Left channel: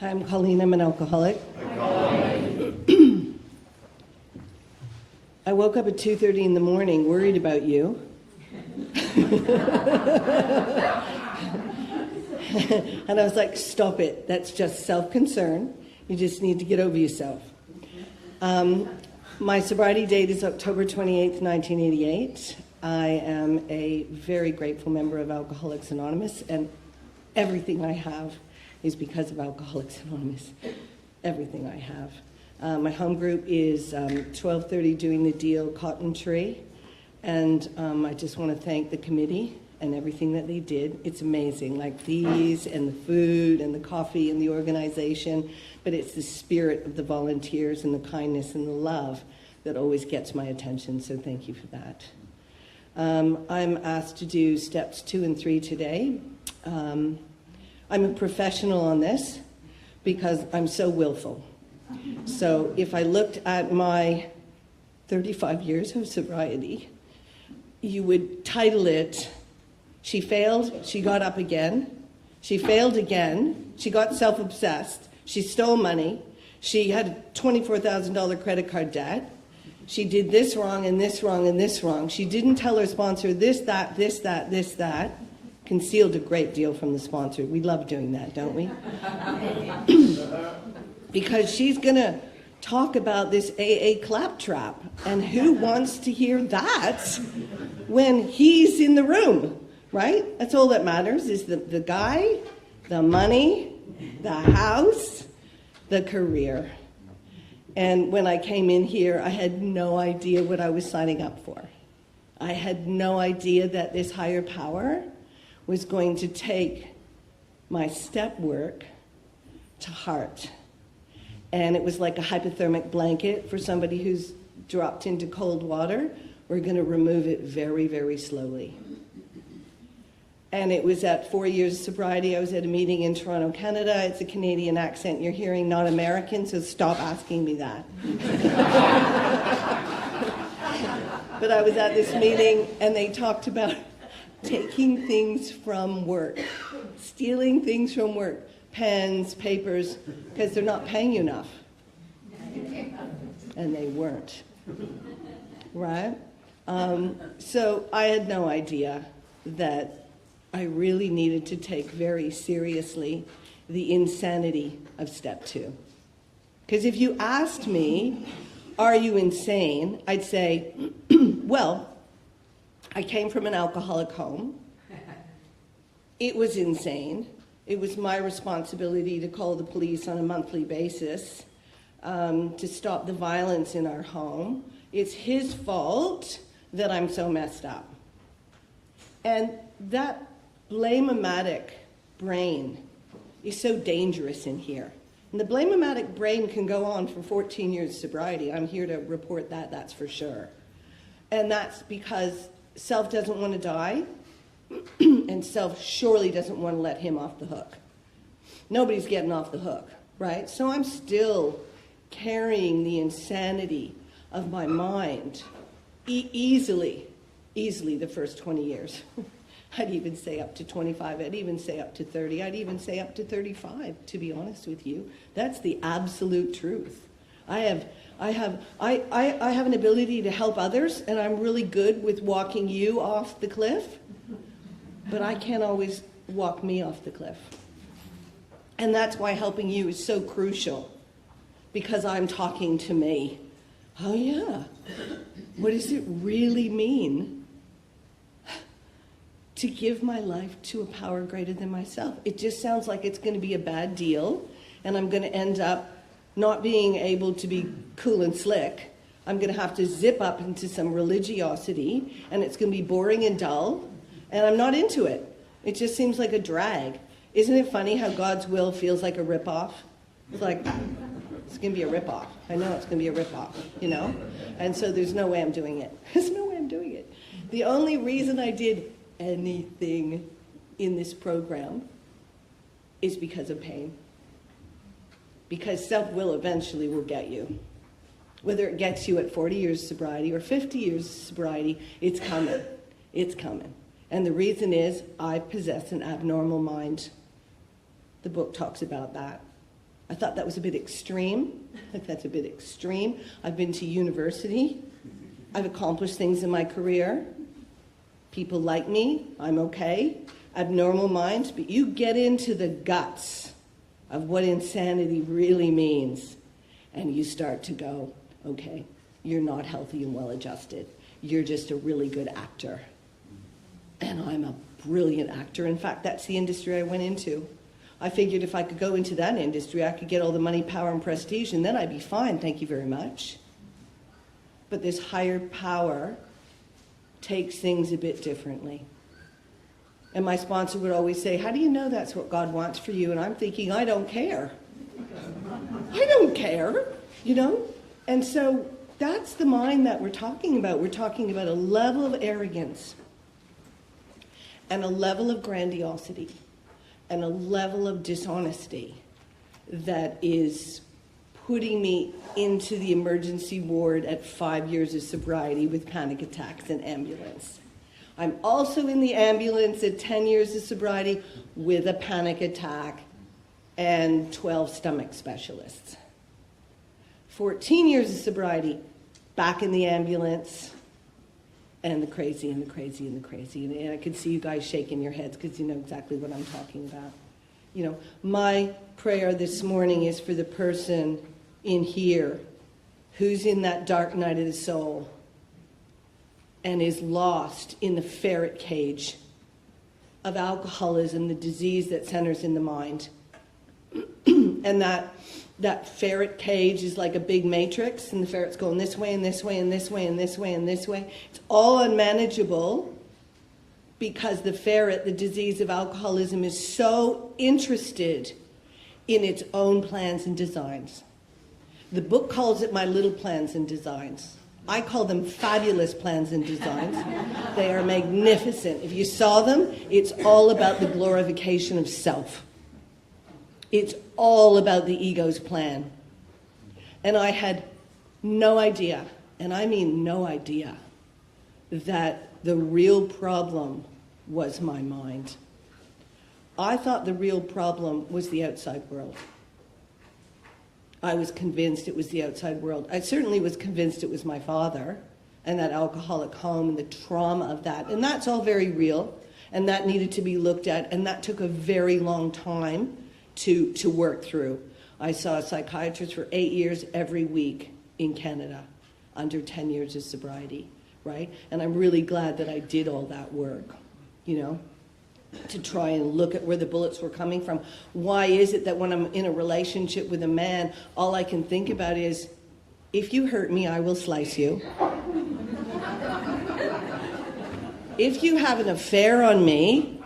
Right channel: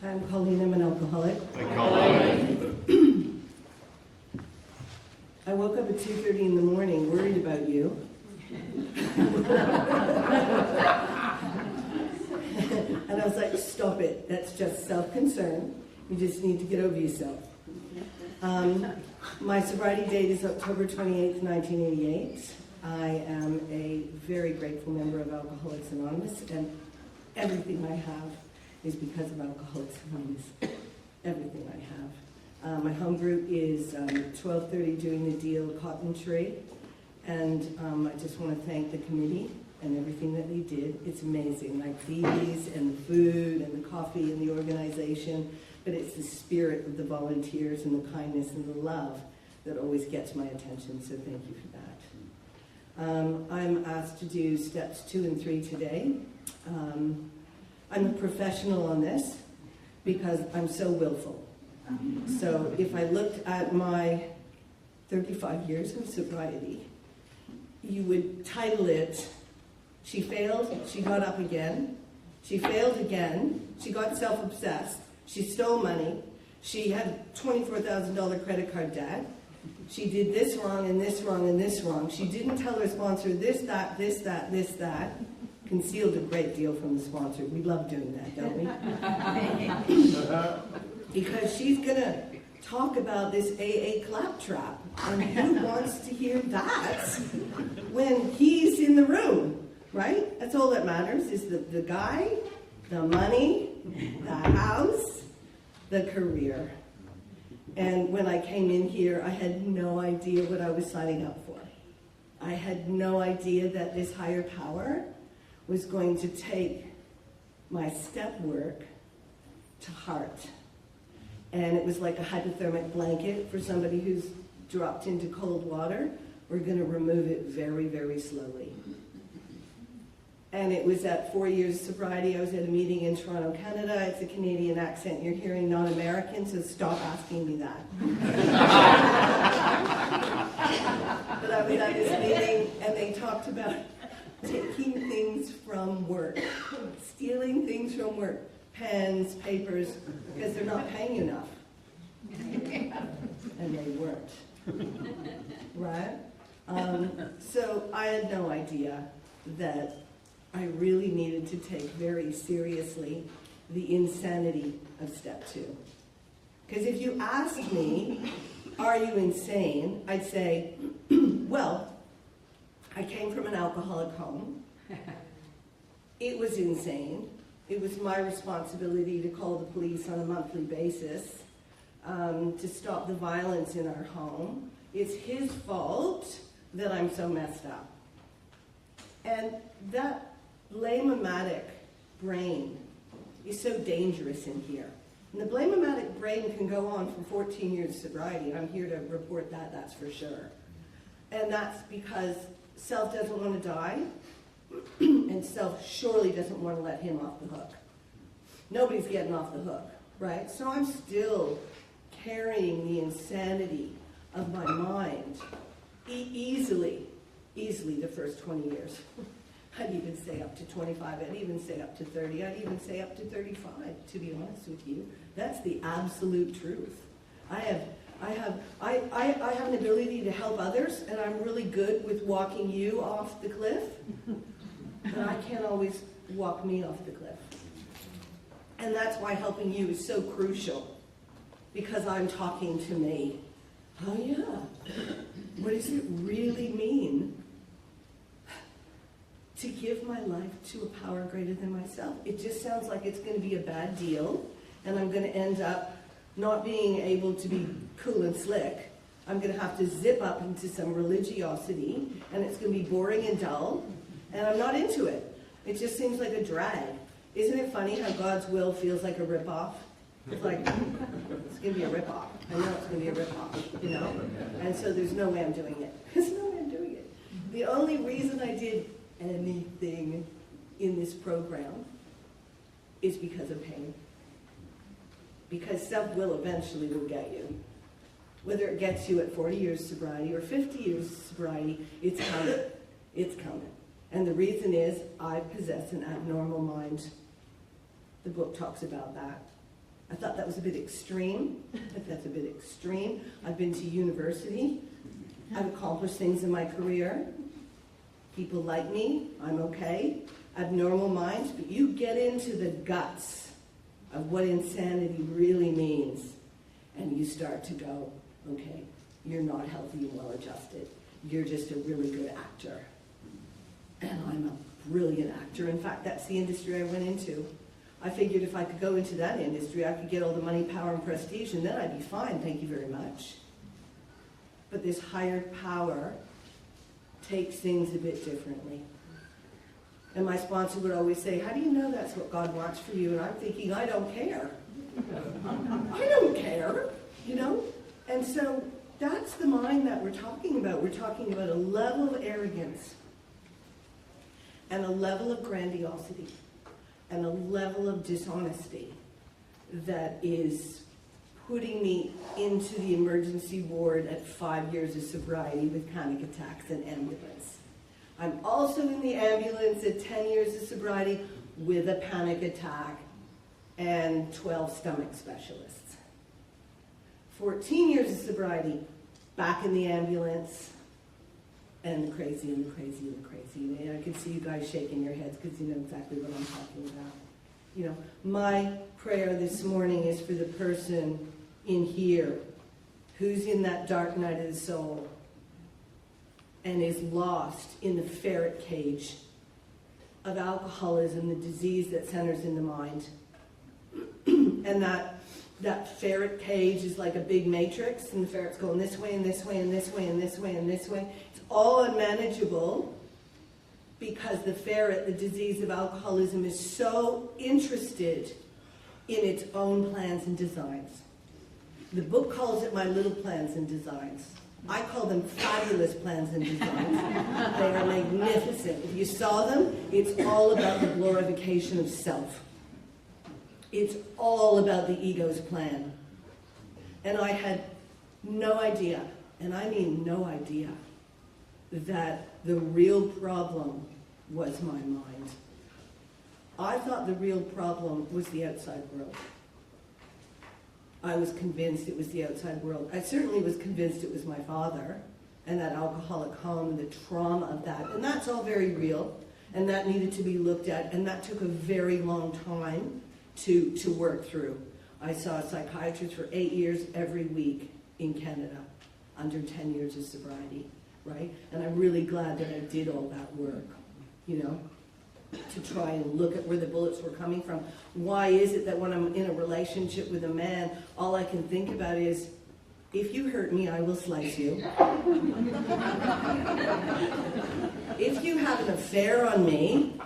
Hi, I'm Coleen. I'm an alcoholic. Hi, Coleen. I woke up at 2:30 in the morning worried about you. And I was like, stop it. That's just self-concern. You just need to get over yourself. My sobriety date is October 28th, 1988. I am a very grateful member of Alcoholics Anonymous, and everything I have is because of Alcoholics Anonymous. Everything I have. My home group is 1230 Doing the Deal Cotton Tree, and I just want to thank the committee and everything that they did. It's amazing, like these and the food and the coffee and the organization, but it's the spirit of the volunteers and the kindness and the love that always gets my attention, so thank you for that. I'm asked to do steps 2 and 3 today. I'm a professional on this because I'm so willful. So if I looked at my 35 years of sobriety, you would title it, She Failed, She Got Up Again. She failed again. She got self-obsessed. She stole money. She had a $24,000 credit card debt. She did this wrong and this wrong and this wrong. She didn't tell her sponsor this, that, this, that, this, that. Concealed a great deal from the sponsor. We love doing that, don't we? Because she's going to talk about this AA claptrap. And who wants to hear that when he's in the room, right? That's all that matters is the guy, the money, the house, the career. And when I came in here, I had no idea what I was signing up for. I had no idea that this higher power was going to take my step work to heart. And it was like a hypothermic blanket for somebody who's dropped into cold water. We're going to remove it very, very slowly. And it was at 4 years of sobriety. I was at a meeting in Toronto, Canada. It's a Canadian accent you're hearing, not American, so stop asking me that. But I was at this meeting, and they talked about taking things from work, stealing things from work, pens, papers, because they're not paying you enough. And they weren't, right? So I had no idea that I really needed to take very seriously the insanity of step 2. Because if you asked me, are you insane? I'd say, well, I came from an alcoholic home. It was insane. It was my responsibility to call the police on a monthly basis to stop the violence in our home. It's his fault that I'm so messed up. And that blame-o-matic brain is so dangerous in here. And the blame-o-matic brain can go on for 14 years of sobriety. I'm here to report that, that's for sure. And that's because self doesn't want to die, and self surely doesn't want to let him off the hook. Nobody's getting off the hook, right? So I'm still carrying the insanity of my mind easily the first 20 years. I'd even say up to 25, I'd even say up to 30, I'd even say up to 35, to be honest with you. That's the absolute truth. I have an ability to help others, and I'm really good with walking you off the cliff, but I can't always walk me off the cliff. And that's why helping you is so crucial, because I'm talking to me. Oh yeah, what does it really mean to give my life to a power greater than myself? It just sounds like it's going to be a bad deal, and I'm going to end up not being able to be cool and slick. I'm going to have to zip up into some religiosity, and it's going to be boring and dull, and I'm not into it. It just seems like a drag. Isn't it funny how God's will feels like a ripoff? It's like, it's going to be a ripoff. I know it's going to be a ripoff, you know? And so there's no way I'm doing it. There's no way I'm doing it. The only reason I did anything in this program is because of pain. Because self-will eventually will get you. Whether it gets you at 40 years of sobriety or 50 years of sobriety, it's coming. It's coming. And the reason is I possess an abnormal mind. The book talks about that. I thought that was a bit extreme. That's a bit extreme. I've been to university. I've accomplished things in my career. People like me. I'm okay. Abnormal minds. But you get into the guts of what insanity really means, and you start to go, okay, you're not healthy and well-adjusted. You're just a really good actor. And I'm a brilliant actor. In fact, that's the industry I went into. I figured if I could go into that industry, I could get all the money, power, and prestige, and then I'd be fine, thank you very much. But this higher power takes things a bit differently. And my sponsor would always say, how do you know that's what God wants for you? And I'm thinking, I don't care. I don't care, you know? And so that's the mind that we're talking about. We're talking about a level of arrogance and a level of grandiosity and a level of dishonesty that is putting me into the emergency ward at 5 years of sobriety with panic attacks and ambulance. I'm also in the ambulance at 10 years of sobriety with a panic attack and 12 stomach specialists. 14 years of sobriety, back in the ambulance, and the crazy and the crazy and the crazy. And I can see you guys shaking your heads because you know exactly what I'm talking about. You know, my prayer this morning is for the person in here who's in that dark night of the soul and is lost in the ferret cage of alcoholism, the disease that centers in the mind. And that ferret cage is like a big matrix, and the ferret's going this way and this way and this way and this way and this way. It's all unmanageable because the ferret, the disease of alcoholism, is so interested in its own plans and designs. The book calls it my little plans and designs. I call them fabulous plans and designs. They are magnificent. If you saw them, it's all about the glorification of self. It's all about the ego's plan. And I had no idea, and I mean no idea, that the real problem was my mind. I thought the real problem was the outside world. I was convinced it was the outside world. I certainly was convinced it was my father and that alcoholic home and the trauma of that. And that's all very real, and that needed to be looked at, and that took a very long time to work through. I saw a psychiatrist for 8 years every week in Canada, under 10 years of sobriety, right? And I'm really glad that I did all that work, you know, to try and look at where the bullets were coming from. Why is it that when I'm in a relationship with a man, all I can think about is, if you hurt me, I will slice you. If you have an affair on me,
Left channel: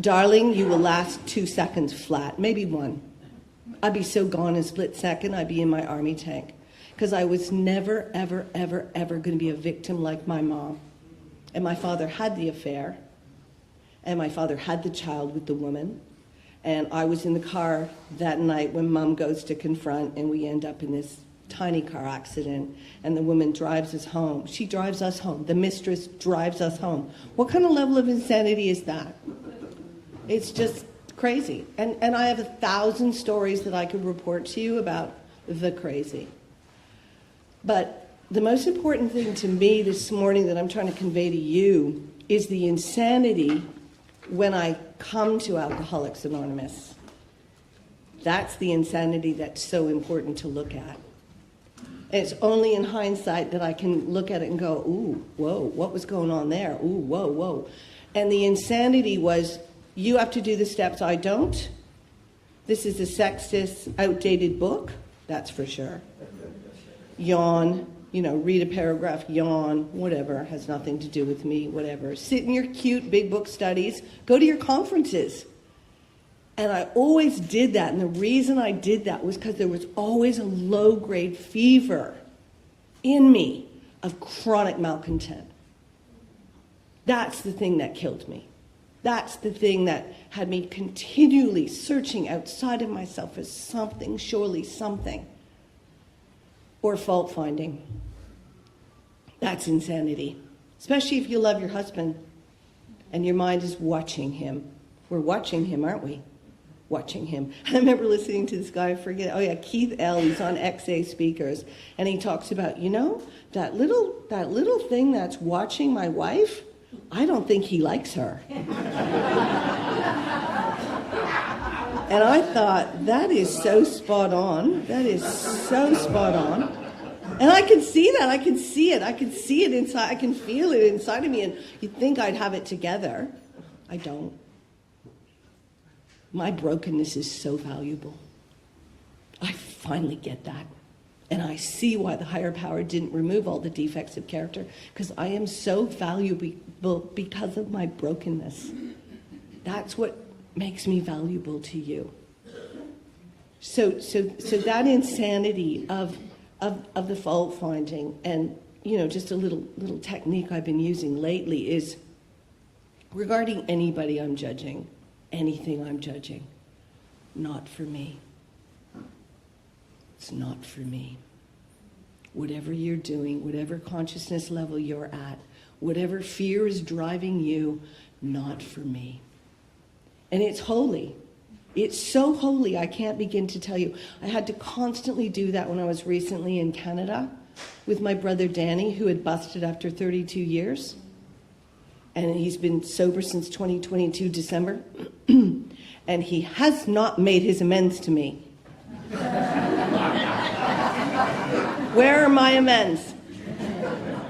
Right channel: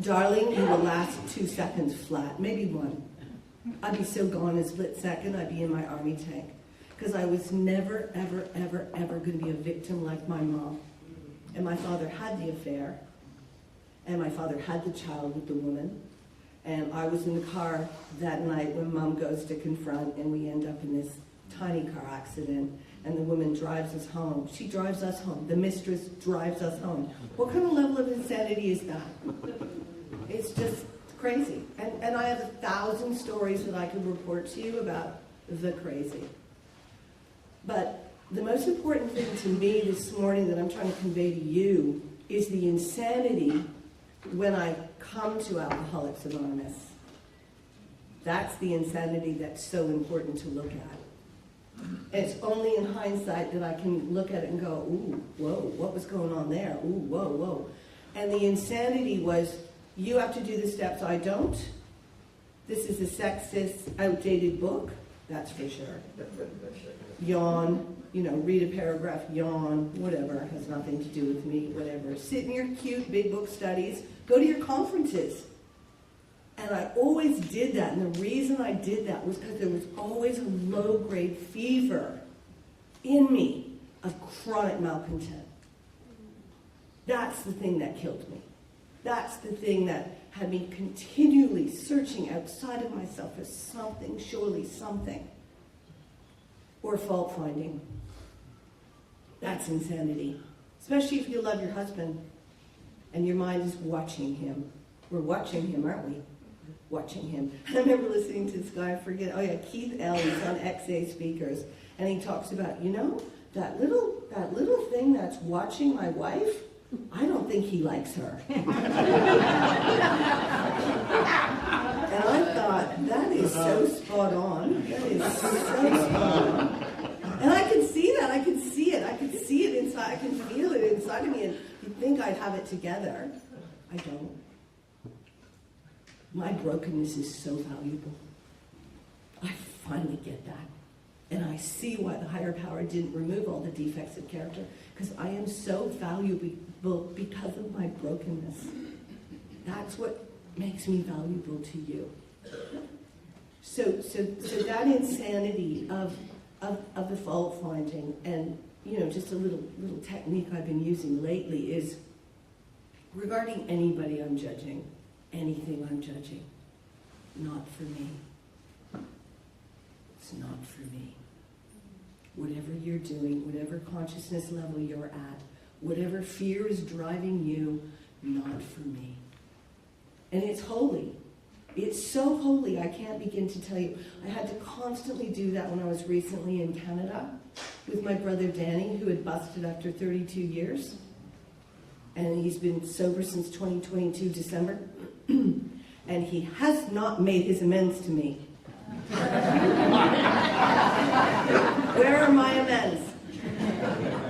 darling, you will last 2 seconds flat, maybe 1. I'd be so gone in a split second, I'd be in my army tank. Because I was never, ever, ever, ever going to be a victim like my mom. And my father had the affair. And my father had the child with the woman. And I was in the car that night when Mom goes to confront, and we end up in this tiny car accident. And the woman drives us home. She drives us home. The mistress drives us home. What kind of level of insanity is that? It's just crazy. And I have 1,000 stories that I could report to you about the crazy. But the most important thing to me this morning that I'm trying to convey to you is the insanity when I come to Alcoholics Anonymous. That's the insanity that's so important to look at. And it's only in hindsight that I can look at it and go, ooh, whoa, what was going on there? Ooh, whoa, whoa. And the insanity was, you have to do the steps, I don't. This is a sexist, outdated book, that's for sure. Yawn, you know, read a paragraph, yawn, whatever, has nothing to do with me, whatever. Sit in your cute big book studies, go to your conferences. And I always did that, and the reason I did that was because there was always a low-grade fever in me of chronic malcontent. That's the thing that killed me. That's the thing that had me continually searching outside of myself for something, surely something. Or fault-finding. That's insanity. Especially if you love your husband and your mind is watching him. We're watching him, aren't we? watching him. I remember listening to this guy, I forget, Keith L. He's on XA Speakers, and he talks about, that little thing that's watching my wife, I don't think he likes her. And I thought, that is so spot on. That is so spot on. And I could see that. I could see it. I could see it inside. I can feel it inside of me. And you'd think I'd have it together. I don't. My brokenness is so valuable. I finally get that. And I see why the higher power didn't remove all the defects of character, because I am so valuable because of my brokenness. That's what makes me valuable to you. So that insanity of the fault finding, and just a little technique I've been using lately is regarding anybody I'm judging, anything I'm judging, not for me. It's not for me. Whatever you're doing, whatever consciousness level you're at, whatever fear is driving you, not for me. And it's holy. It's so holy, I can't begin to tell you. I had to constantly do that when I was recently in Canada with my brother Danny, who had busted after 32 years. And he's been sober since 2022, December. And he has not made his amends to me. Where are my amends?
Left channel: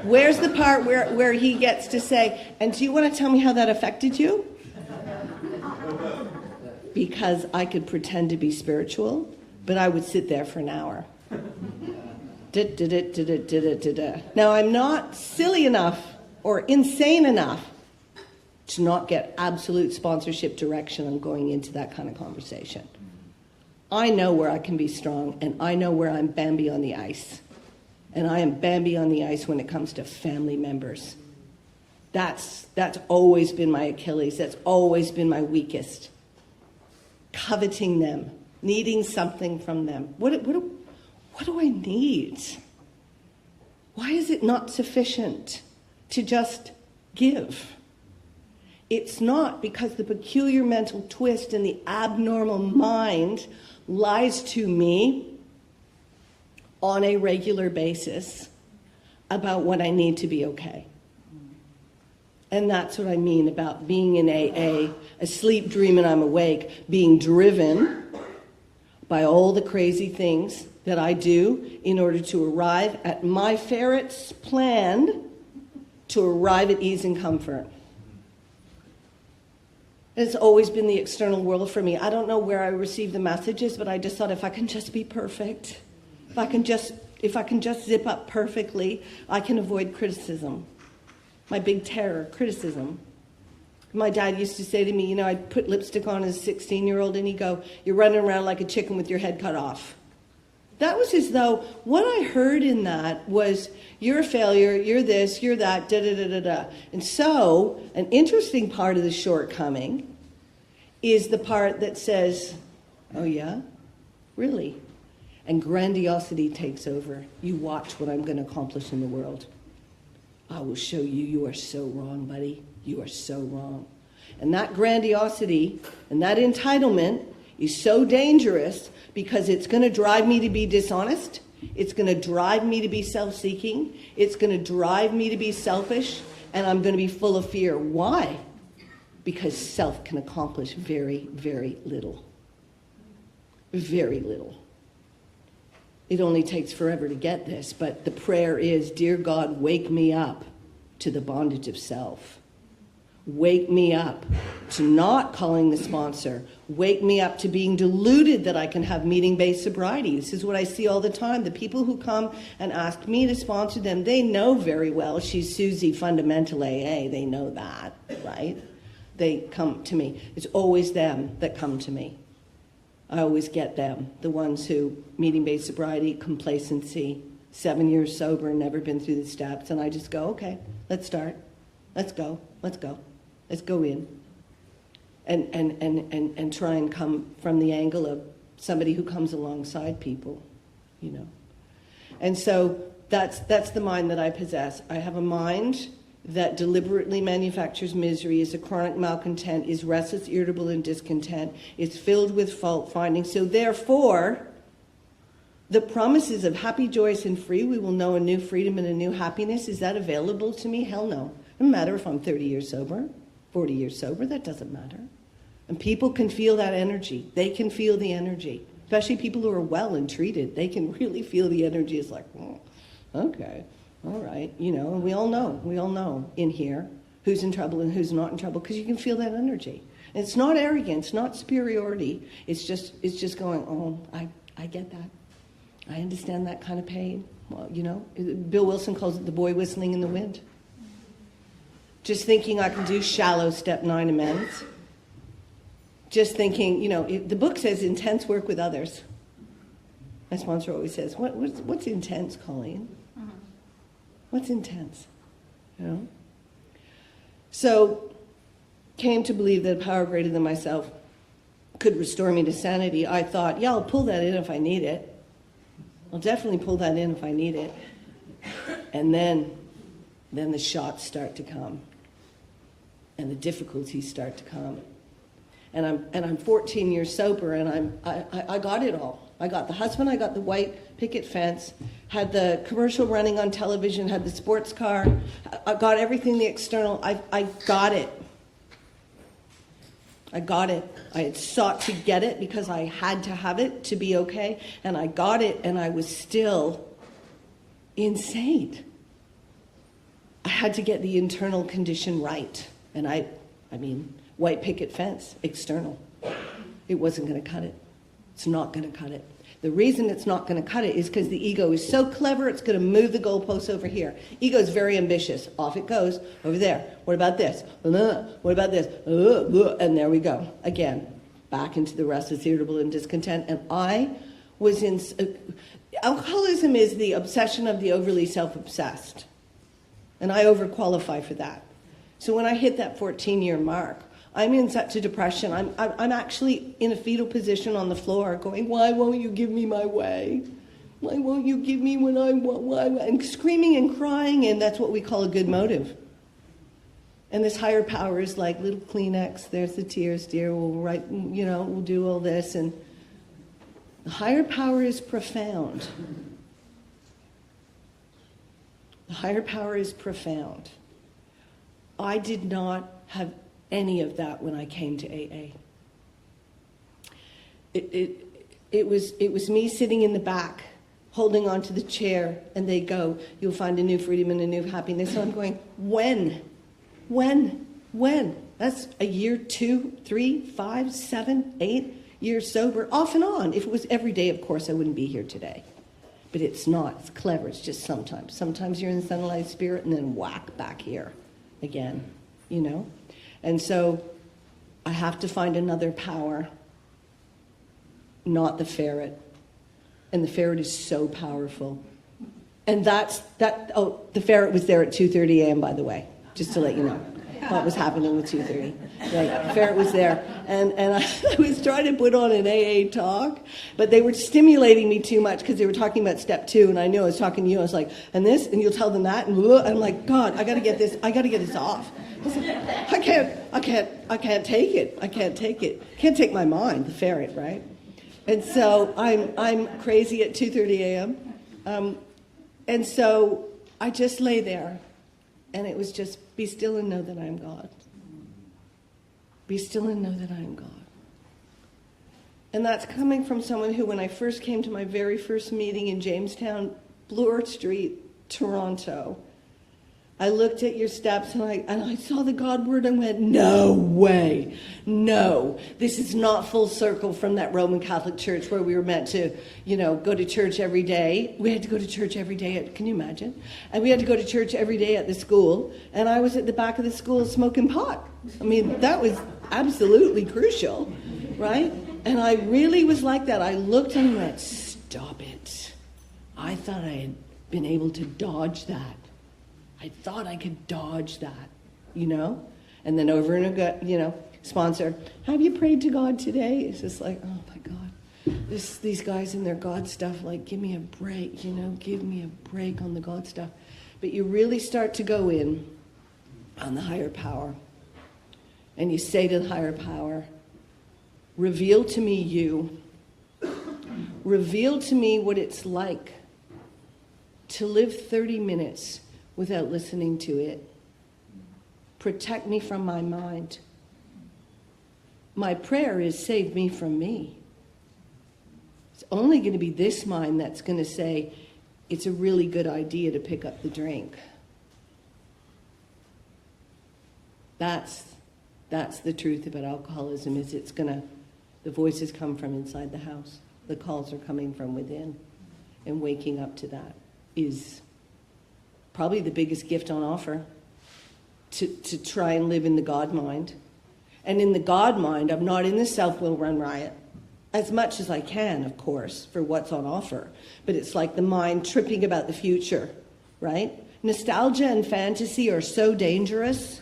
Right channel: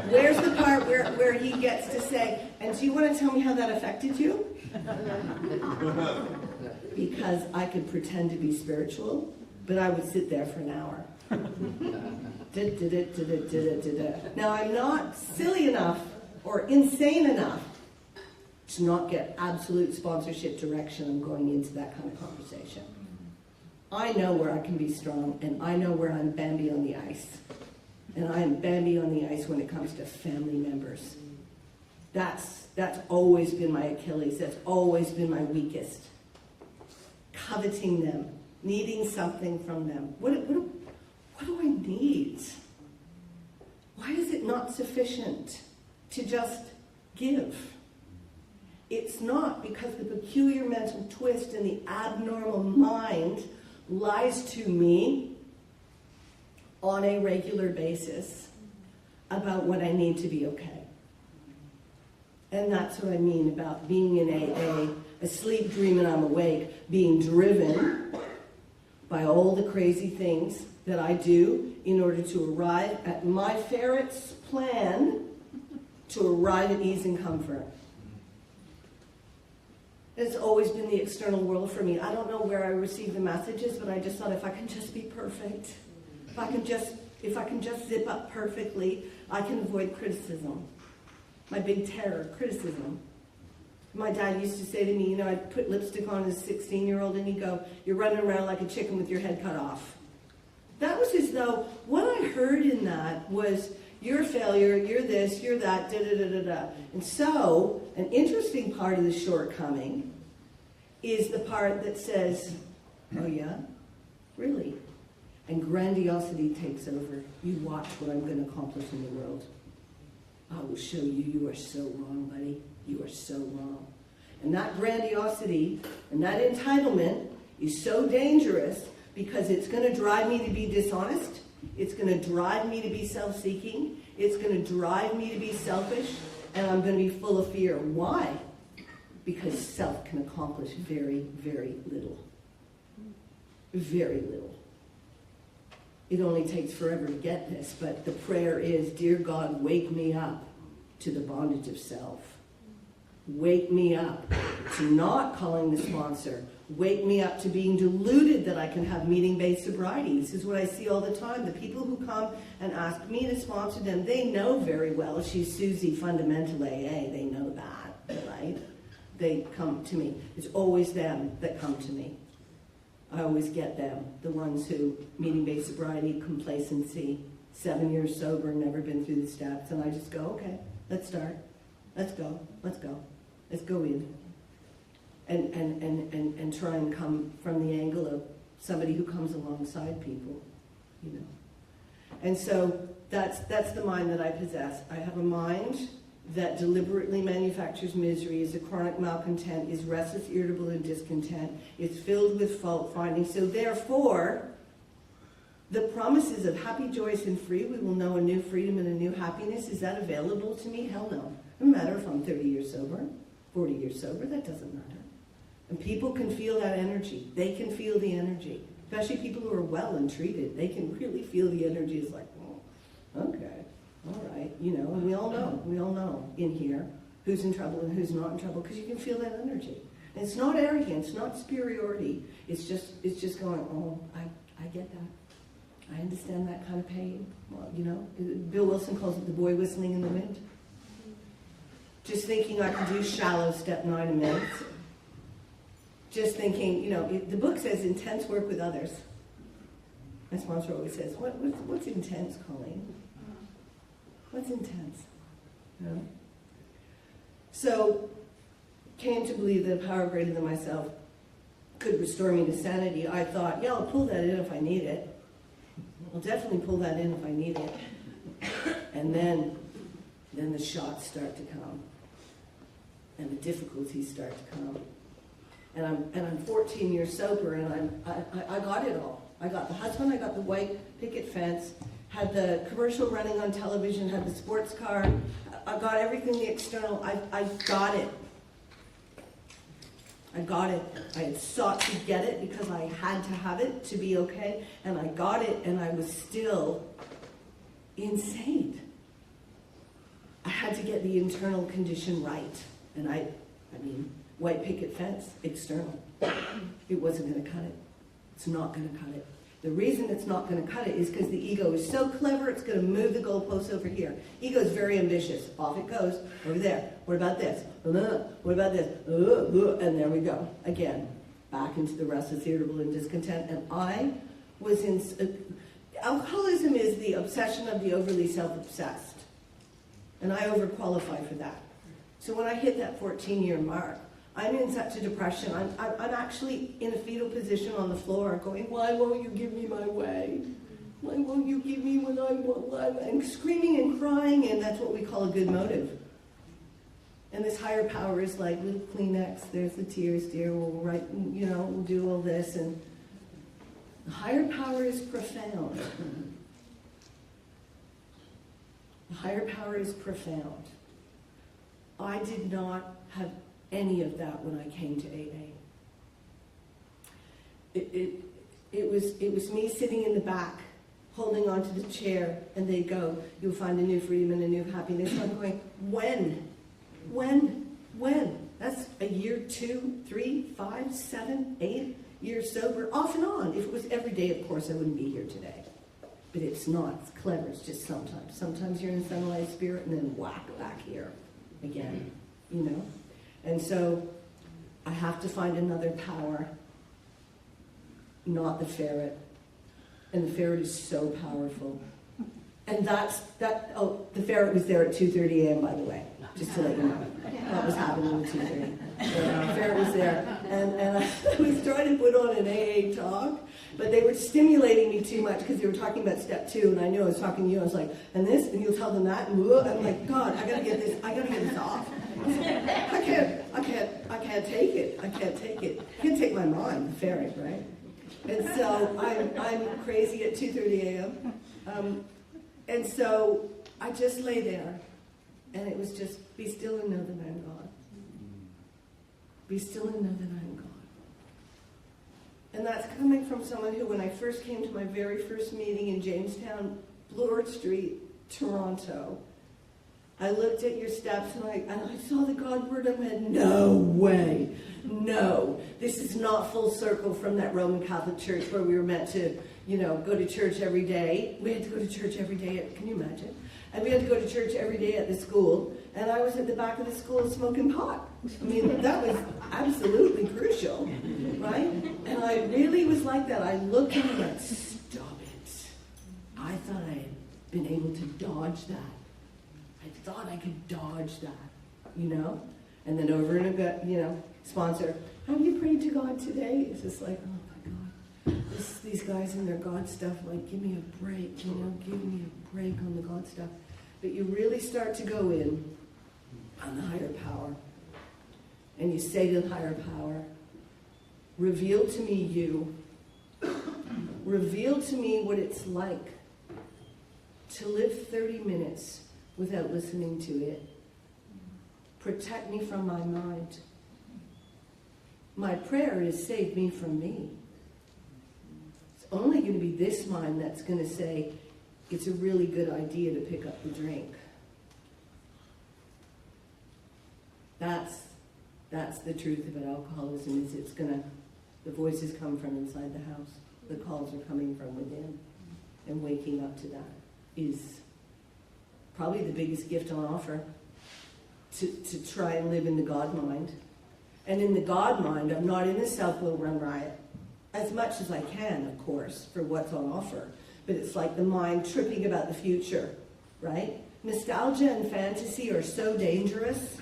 Where's the part where he gets to say, and do you want to tell me how that affected you? Because I could pretend to be spiritual, but I would sit there for an hour. Now, I'm not silly enough or insane enough to not get absolute sponsorship direction on going into that kind of conversation. I know where I can be strong, and I know where I'm Bambi on the ice. And I am Bambi on the ice when it comes to family members. That's always been my Achilles. That's always been my weakest. Coveting them, needing something from them. What do I need? Why is it not sufficient to just give? It's not, because the peculiar mental twist and the abnormal mind lies to me on a regular basis about what I need to be okay. And that's what I mean about being in AA, asleep, dreaming, I'm awake, being driven by all the crazy things that I do in order to arrive at my ferret's plan to arrive at ease and comfort. It's always been the external world for me. I don't know where I receive the messages, but I just thought, if I can just be perfect, if I can just zip up perfectly, I can avoid criticism. My big terror, criticism. My dad used to say to me, I'd put lipstick on as a 16-year-old, and he'd go, "You're running around like a chicken with your head cut off." That was as though what I heard in that was, you're a failure, you're this, you're that, da-da-da-da-da. And so, an interesting part of the shortcoming is the part that says, oh yeah? Really? And grandiosity takes over. You watch what I'm going to accomplish in the world. I will show you, you are so wrong, buddy. You are so wrong. And that grandiosity and that entitlement is so dangerous, because it's going to drive me to be dishonest. It's going to drive me to be self-seeking. It's going to drive me to be selfish. And I'm going to be full of fear. Why? Because self can accomplish very, very little. Very little. It only takes forever to get this, but the prayer is, dear God, wake me up to the bondage of self. Wake me up to not calling the sponsor. Wake me up to being deluded that I can have meeting-based sobriety. This is what I see all the time. The people who come and ask me to sponsor them, they know very well she's Susie Fundamental AA. They know that, right? They come to me. It's always them that come to me. I always get them, the ones who, meeting-based sobriety, complacency, 7 years sober, never been through the steps, and I just go, okay, let's start. Let's go. Let's go in. And try and come from the angle of somebody who comes alongside people, And so that's the mind that I possess. I have a mind that deliberately manufactures misery, is a chronic malcontent, is restless, irritable, and discontent, is filled with fault-finding. So therefore, the promises of happy, joyous, and free, we will know a new freedom and a new happiness, is that available to me? Hell no. It doesn't matter if I'm 30 years sober, 40 years sober, that doesn't matter. And people can feel that energy. They can feel the energy. Especially people who are well and treated. They can really feel the energy. It's like, oh, okay, all right. You know, and we all know in here who's in trouble and who's not in trouble, because you can feel that energy. And it's not arrogance, not superiority. It's just going, oh, I get that. I understand that kind of pain. Well, you know, Bill Wilson calls it the boy whistling in the wind. Just thinking I can do shallow step 9 amends. Just thinking, you know, the book says intense work with others. My sponsor always says, what's intense, Coleen? What's intense? You know? So, came to believe that a power greater than myself could restore me to sanity. I thought, yeah, I'll pull that in if I need it. I'll definitely pull that in if I need it. And then the shots start to come. And the difficulties start to come. And I'm 14 years sober, and I got it all. I got the husband, I got the white picket fence, had the commercial running on television, had the sports car, I got everything, the external, I got it. I got it. I had sought to get it because I had to have it to be okay, and I got it, and I was still insane. I had to get the internal condition right, and I mean, white picket fence, external. It wasn't going to cut it. It's not going to cut it. The reason it's not going to cut it is because the ego is so clever, it's going to move the goalposts over here. Ego is very ambitious. Off it goes, over there. What about this? What about this? And there we go. Again, back into the restless, irritable, and discontent. And I was in... alcoholism is the obsession of the overly self-obsessed. And I overqualify for that. So when I hit that 14-year mark, I'm in such a depression. I'm actually in a fetal position on the floor going, why won't you give me my way? Why won't you give me what I want? Why? And screaming and crying, and that's what we call a good motive. And this higher power is like, little Kleenex, there's the tears, dear, we'll write, you know, we'll do all this. And the higher power is profound. The higher power is profound. I did not have any of that when I came to AA. It was me sitting in the back, holding onto the chair, and they go, you'll find a new freedom and a new happiness. So I'm going, when? That's a year, 2, 3, 5, 7, 8 years sober, off and on. If it was every day, of course, I wouldn't be here today. But it's not. It's clever. It's just sometimes. Sometimes you're in sunlight spirit, and then whack back here again, you know? And so I have to find another power, not the ferret. And the ferret is so powerful. And the ferret was there at 2:30 a.m., by the way, just to let you know what was happening with 2:30. The ferret was there. And I was trying to put on an AA talk, but they were stimulating me too much because they were talking about step 2, and I knew I was talking to you. I was like, and this, and you'll tell them that, and I'm like, God, I got to get this off. I can't take it. I can't take my mind, the ferret, right? And so I'm crazy at 2:30 a.m. And so I just lay there, and it was just, be still and know that I am God. Be still and know that I am God. And that's coming from someone who, when I first came to my very first meeting in Jamestown, Bloor Street, Toronto, I looked at your steps and I saw the God word and went, no way, no. This is not full circle from that Roman Catholic Church where we were meant to, go to church every day. We had to go to church every day, can you imagine? And we had to go to church every day at the school, and I was at the back of the school smoking pot. I mean, that was absolutely crucial, right? And I really was like that. I looked and went, stop it. I thought I had been able to dodge that. I thought I could dodge that, And then over and again, sponsor, have you prayed to God today? It's just like, oh my God. These guys and their God stuff, like, give me a break, give me a break on the God stuff. But you really start to go in, on the higher power. And you say to the higher power, reveal to me you. Reveal to me what it's like to live 30 minutes without listening to it. Protect me from my mind. My prayer is save me from me. It's only going to be this mind that's going to say it's a really good idea to pick up the drink. That's the truth about alcoholism, is the voices come from inside the house. The calls are coming from within. And waking up to that is probably the biggest gift on offer, to try and live in the God mind. And in the God mind, I'm not in the self-will run riot, as much as I can, of course, for what's on offer. But it's like the mind tripping about the future, right? Nostalgia and fantasy are so dangerous.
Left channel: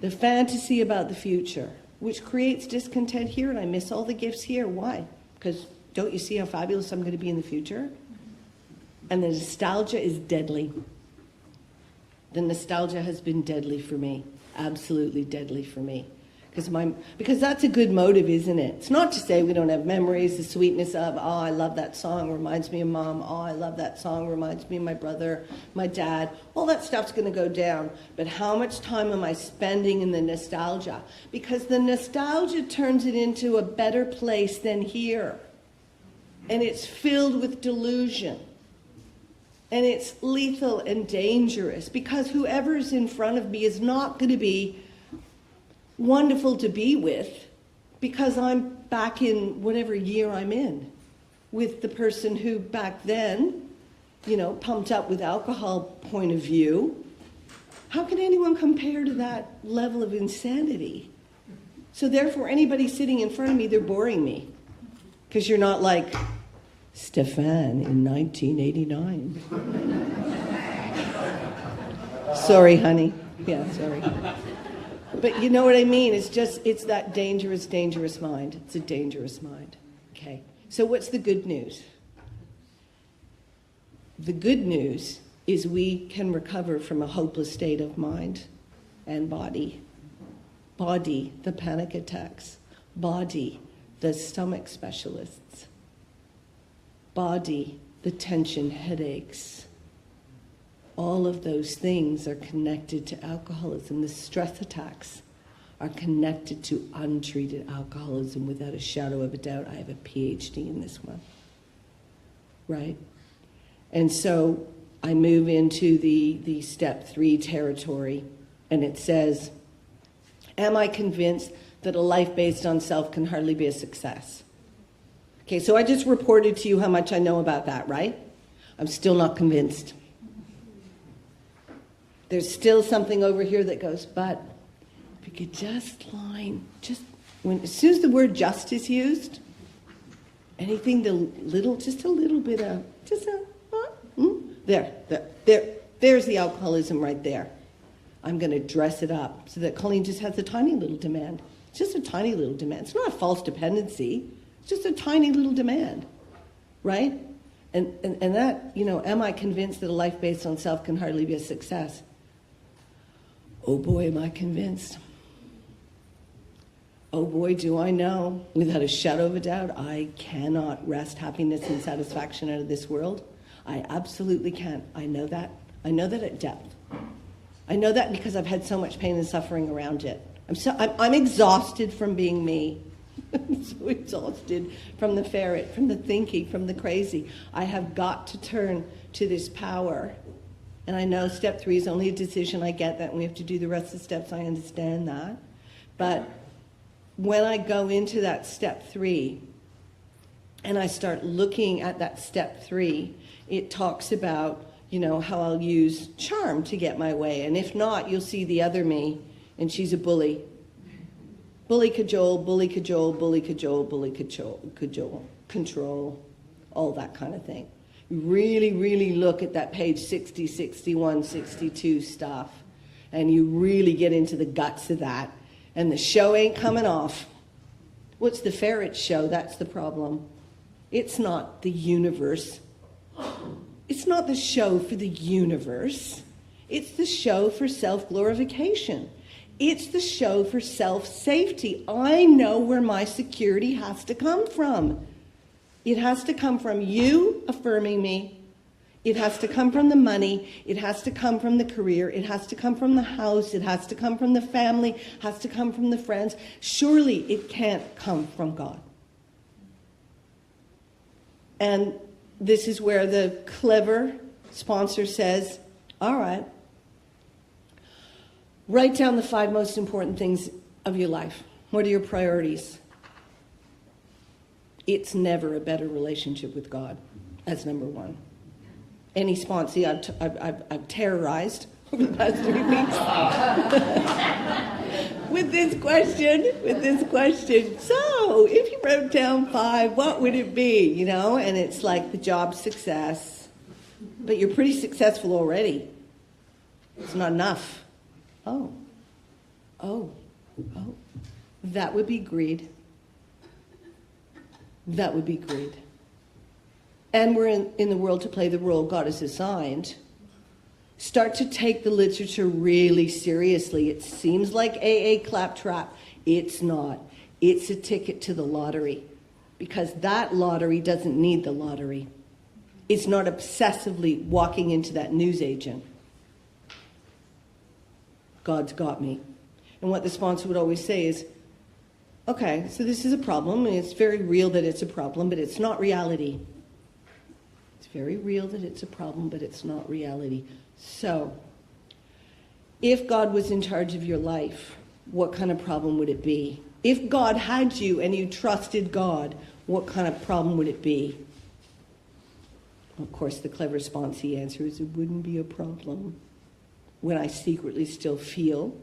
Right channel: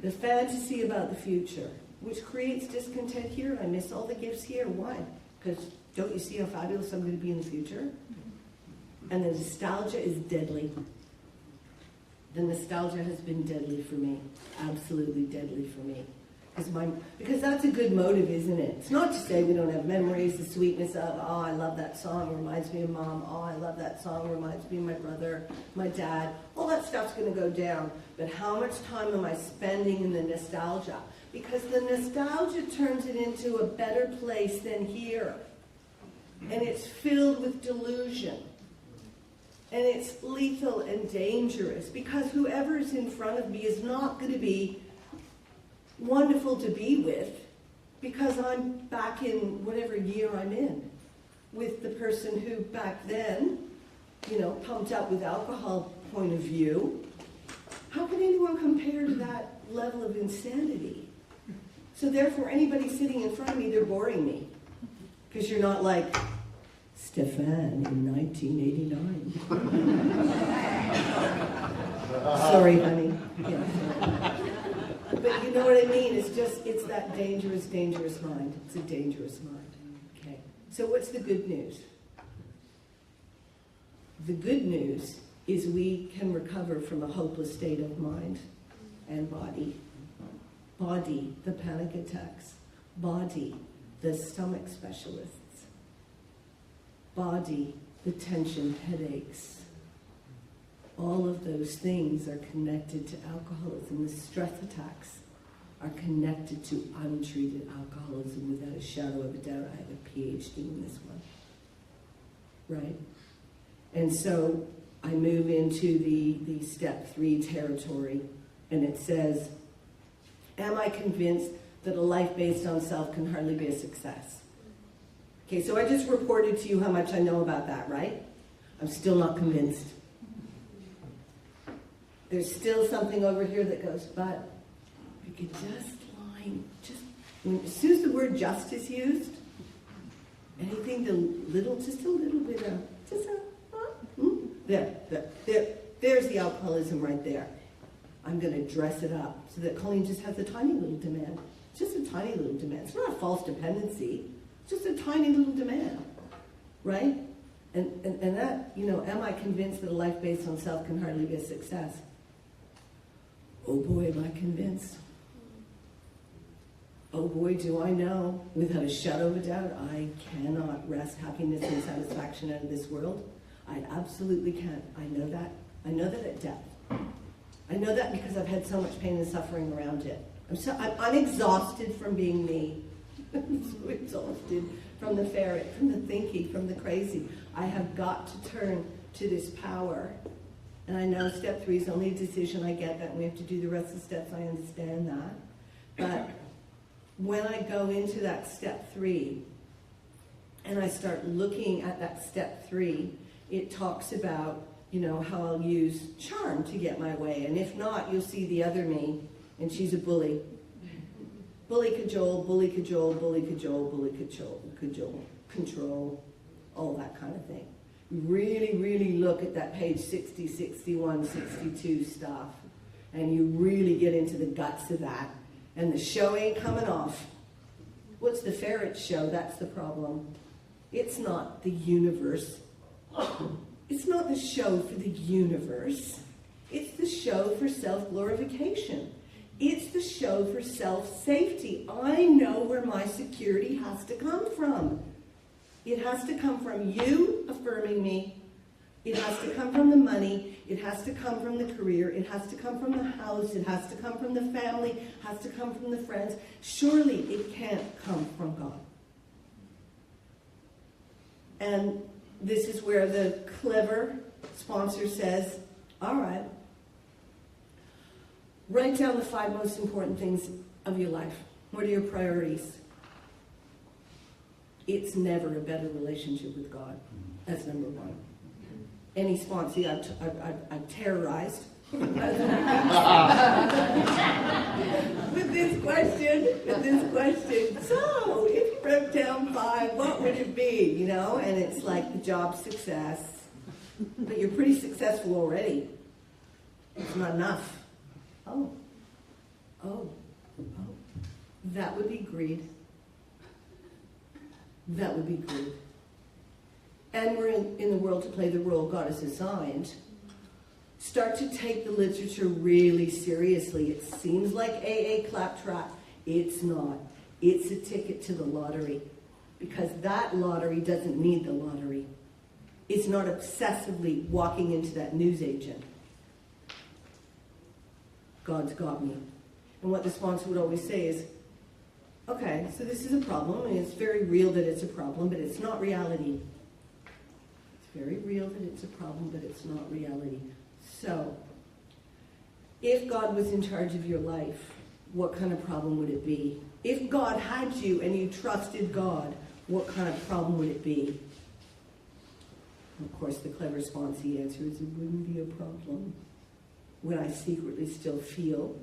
The fantasy about the future, which creates discontent here, and I miss all the gifts here. Why? Because don't you see how fabulous I'm going to be in the future? And the nostalgia is deadly. The nostalgia has been deadly for me, absolutely deadly for me. Because that's a good motive, isn't it? It's not to say we don't have memories, the sweetness of, oh, I love that song, reminds me of mom. Oh, I love that song, reminds me of my brother, my dad. All that stuff's going to go down. But how much time am I spending in the nostalgia? Because the nostalgia turns it into a better place than here. And it's filled with delusion. And it's lethal and dangerous, because whoever's in front of me is not going to be wonderful to be with, because I'm back in whatever year I'm in with the person who back then, pumped up with alcohol point of view. How can anyone compare to that level of insanity? So therefore, anybody sitting in front of me, they're boring me, because you're not like Stefan in 1989. Sorry, honey. Yeah, sorry. But you know what I mean? It's that dangerous, dangerous mind. It's a dangerous mind. Okay. So what's the good news? The good news is we can recover from a hopeless state of mind and body. Body, the panic attacks. Body, the stomach specialists. Body, the tension, headaches. All of those things are connected to alcoholism. The stress attacks are connected to untreated alcoholism, without a shadow of a doubt. I have a PhD in this one, right? And so I move into the step 3 territory, and it says, am I convinced that a life based on self can hardly be a success? Okay, so I just reported to you how much I know about that, right? I'm still not convinced. There's still something over here that goes, but if you could just as soon as the word just is used, anything just a little bit of, there's the alcoholism right there. I'm going to dress it up so that Coleen just has a tiny little demand. It's just a tiny little demand. It's not a false dependency. It's just a tiny little demand, right? And that, am I convinced that a life based on self can hardly be a success? Oh boy, am I convinced. Oh boy, do I know, without a shadow of a doubt, I cannot wrest happiness and satisfaction out of this world. I absolutely can't. I know that. I know that at depth. I know that because I've had so much pain and suffering around it. I'm exhausted from being me. I'm so exhausted from the ferret, from the thinking, from the crazy. I have got to turn to this power. And I know step 3 is only a decision. I get that, and we have to do the rest of the steps. I understand that. But when I go into that step 3, and I start looking at that step 3, it talks about, how I'll use charm to get my way. And if not, you'll see the other me, and she's a bully. Bully, cajole, bully, cajole, bully, cajole, bully, cajole, control, all that kind of thing. Really, really look at that page 60, 61, 62 stuff, and you really get into the guts of that. And the show ain't coming off. What's the ferret show? That's the problem. It's not the universe. It's not the show for the universe. It's the show for self-glorification. It's the show for self-safety. I know where my security has to come from. It has to come from you affirming me. It has to come from the money. It has to come from the career. It has to come from the house. It has to come from the family. It has to come from the friends. Surely it can't come from God. And this is where the clever sponsor says, all right, write down the 5 most important things of your life. What are your priorities? It's never a better relationship with God. That's number 1. Any sponsor I've terrorized over the past 3 weeks with this question. So, if you wrote down 5, what would it be? You know, and it's like the job success, but you're pretty successful already. It's not enough. Oh, that would be greed. That would be greed. And we're in the world to play the role God has assigned. Start to take the literature really seriously. It seems like AA claptrap. It's not. It's a ticket to the lottery. Because that lottery doesn't need the lottery. It's not obsessively walking into that newsagent. God's got me. And what the sponsor would always say is, okay, so this is a problem, and it's very real that it's a problem, but it's not reality. It's very real that it's a problem, but it's not reality. So, if God was in charge of your life, what kind of problem would it be? If God had you and you trusted God, what kind of problem would it be? Of course, the clever sponsee answer is, it wouldn't be a problem when I secretly still feel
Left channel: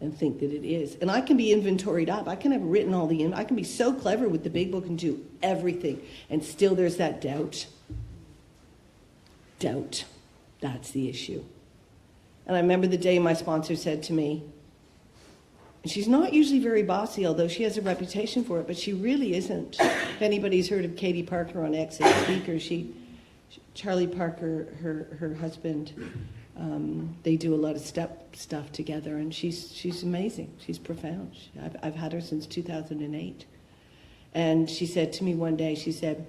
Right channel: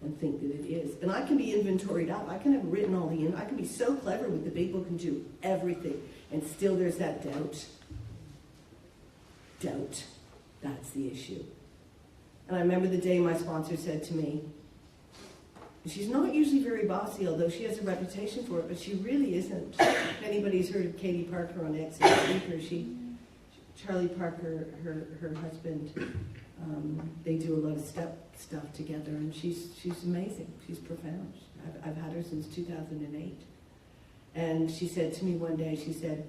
and think that it is. And I can be inventoried up. I can have written all I can be so clever with the big book and do everything. And still there's that doubt. Doubt. That's the issue. And I remember the day my sponsor said to me, and she's not usually very bossy, although she has a reputation for it, but she really isn't. If anybody's heard of Katie Parker on Exit Speaker, Charlie Parker, her husband, they do a lot of stuff together, and she's amazing. She's profound. I've had her since 2008. And she said to me one day, she said,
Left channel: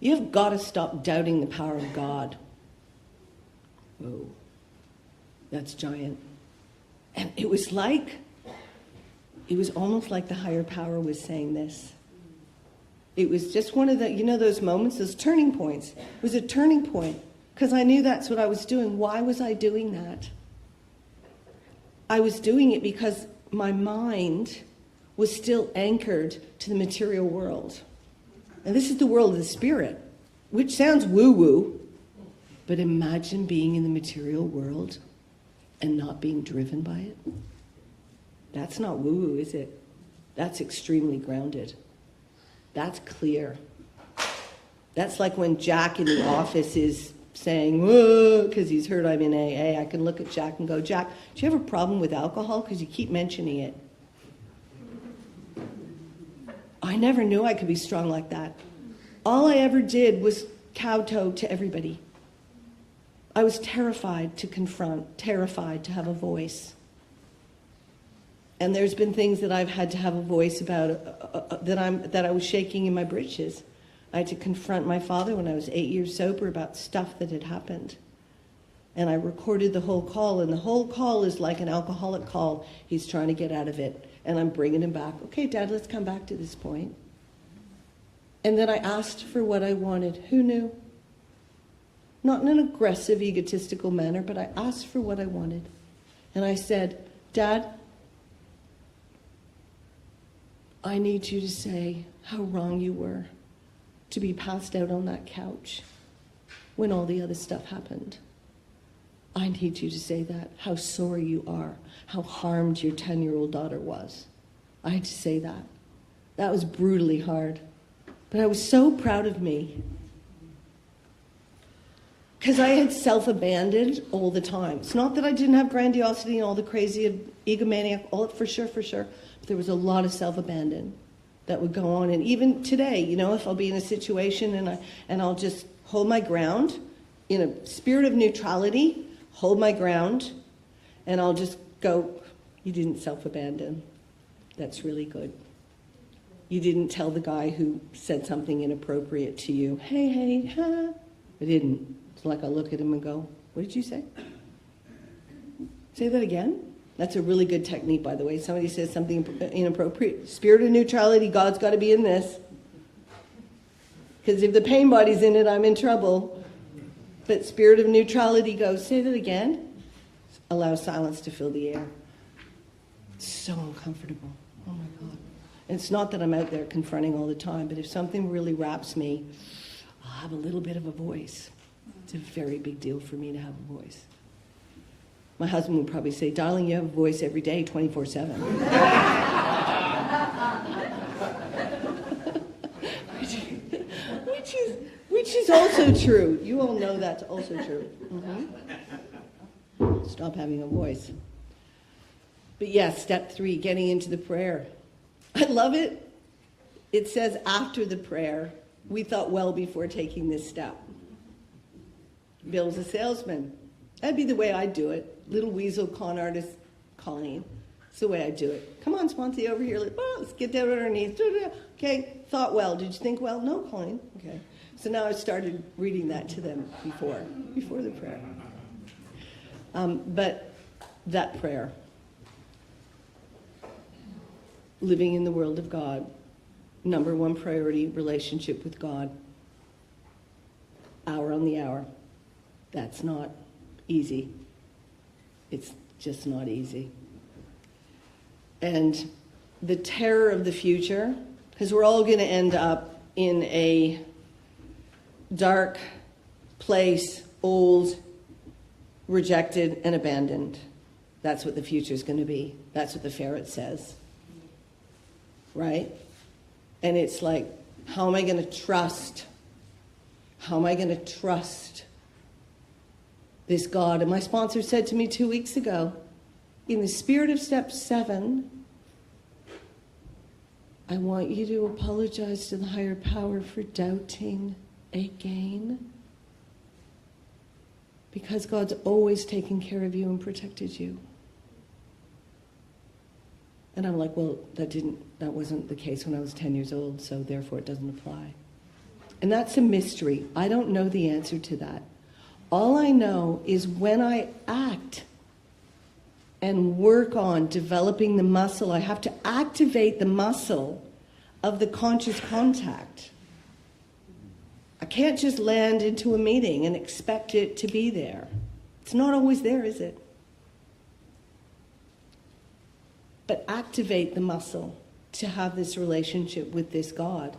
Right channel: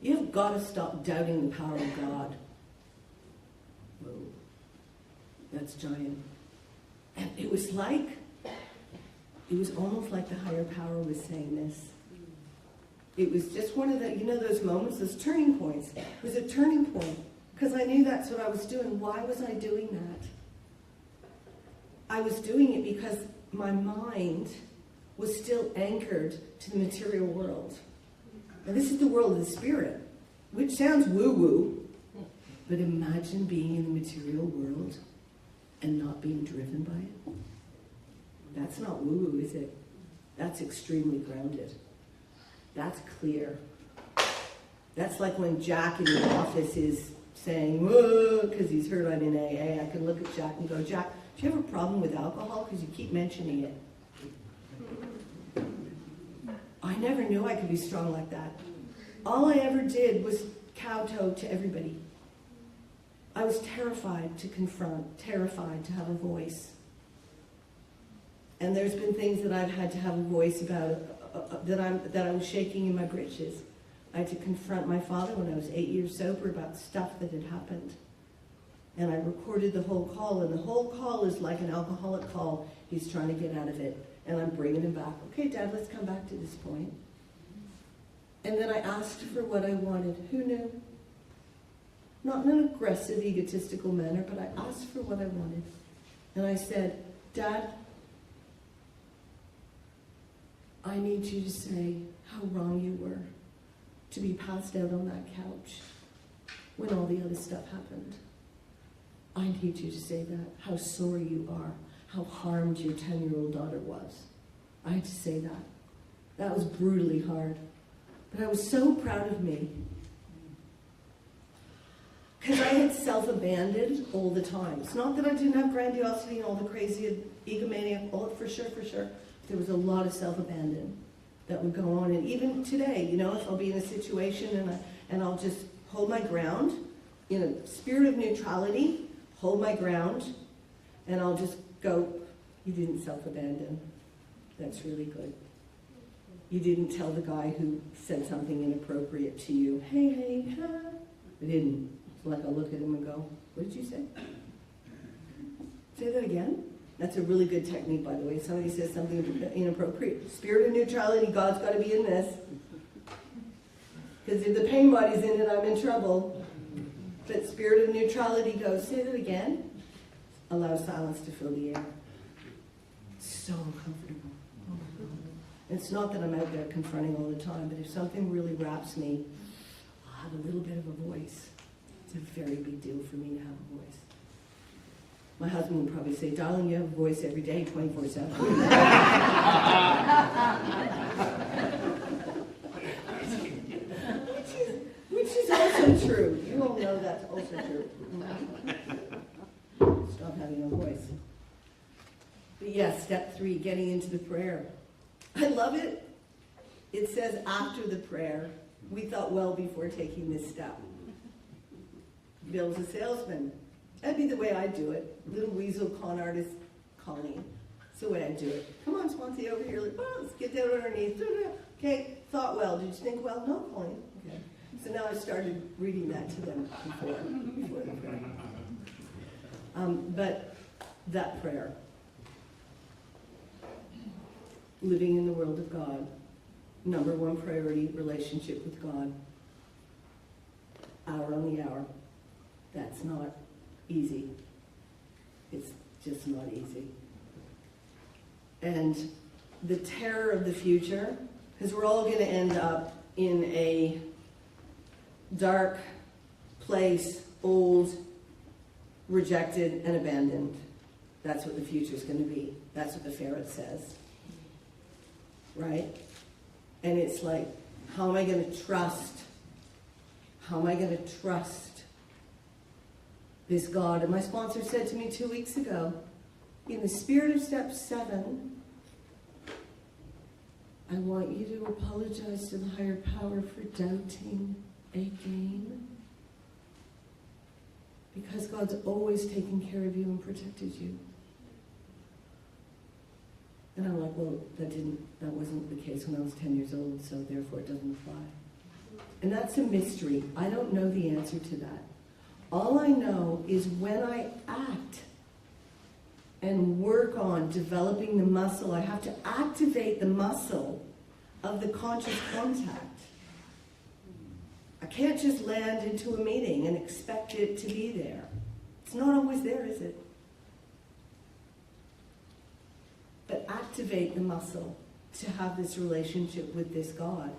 "You've got to stop doubting the power of God." Whoa, that's giant. And it was almost like the higher power was saying this. It was just one of the, those moments, those turning points. It was a turning point. Because I knew that's what I was doing. Why was I doing that? I was doing it because my mind was still anchored to the material world. And this is the world of the spirit, which sounds woo-woo. But imagine being in the material world and not being driven by it. That's not woo-woo, is it? That's extremely grounded. That's clear. That's like when Jack in the office is saying, whoa, because he's heard I'm in AA. I can look at Jack and go, Jack, do you have a problem with alcohol? Because you keep mentioning it. I never knew I could be strong like that. All I ever did was kowtow to everybody. I was terrified to confront, terrified to have a voice. And there's been things that I've had to have a voice about that I was shaking in my britches. I had to confront my father when I was 8 years sober about stuff that had happened. And I recorded the whole call, and the whole call is like an alcoholic call. He's trying to get out of it, and I'm bringing him back. Okay, Dad, let's come back to this point. And then I asked for what I wanted. Who knew? Not in an aggressive, egotistical manner, but I asked for what I wanted. And I said, Dad, I need you to say how wrong you were to be passed out on that couch when all the other stuff happened. I need you to say that, how sorry you are, how harmed your 10-year-old daughter was. I had to say that. That was brutally hard. But I was so proud of me. Because I had self-abandoned all the time. It's not that I didn't have grandiosity and all the crazy egomaniac, all for sure. But there was a lot of self-abandon that would go on. And even today, if I'll be in a situation and I'll just hold my ground in a spirit of neutrality, hold my ground, and I'll just go, you didn't self-abandon. That's really good. You didn't tell the guy who said something inappropriate to you, hey, ha. I didn't. It's like I'll look at him and go, what did you say? Say that again? That's a really good technique, by the way. Somebody says something inappropriate. Spirit of neutrality, God's got to be in this. Because if the pain body's in it, I'm in trouble. But spirit of neutrality goes, say that again. Allow silence to fill the air. It's so uncomfortable. Oh my God. And it's not that I'm out there confronting all the time, but if something really wraps me, I'll have a little bit of a voice. It's a very big deal for me to have a voice. My husband would probably say, darling, you have a voice every day, 24/7. Which is also true. You all know that's also true. Mm-hmm. Stop having a voice. But yes, step 3, getting into the prayer. I love it. It says after the prayer, we thought well before taking this step. Bill's a salesman. That'd be the way I do it. Little weasel con artist, Coleen. It's the way I do it. Come on, Swansea, over here. Let's get down on our knees. Okay, thought well. Did you think well? No, Coleen. Okay. So now I started reading that to them before the prayer. But that prayer, living in the world of God, number 1 priority, relationship with God. Hour on the hour. That's not easy. It's just not easy. And the terror of the future, because we're all going to end up in a dark place, old, rejected, and abandoned. That's what the future's going to be. That's what the ferret says. Right? And it's like, how am I going to trust? How am I going to trust this God? And my sponsor said to me 2 weeks ago, in the spirit of step 7, I want you to apologize to the higher power for doubting again. Because God's always taken care of you and protected you. And I'm like, well, that wasn't the case when I was 10 years old, so therefore it doesn't apply. And that's a mystery. I don't know the answer to that. All I know is when I act and work on developing the muscle, I have to activate the muscle of the conscious contact. I can't just land into a meeting and expect it to be there. It's not always there, is it? But activate the muscle to have this relationship with this God.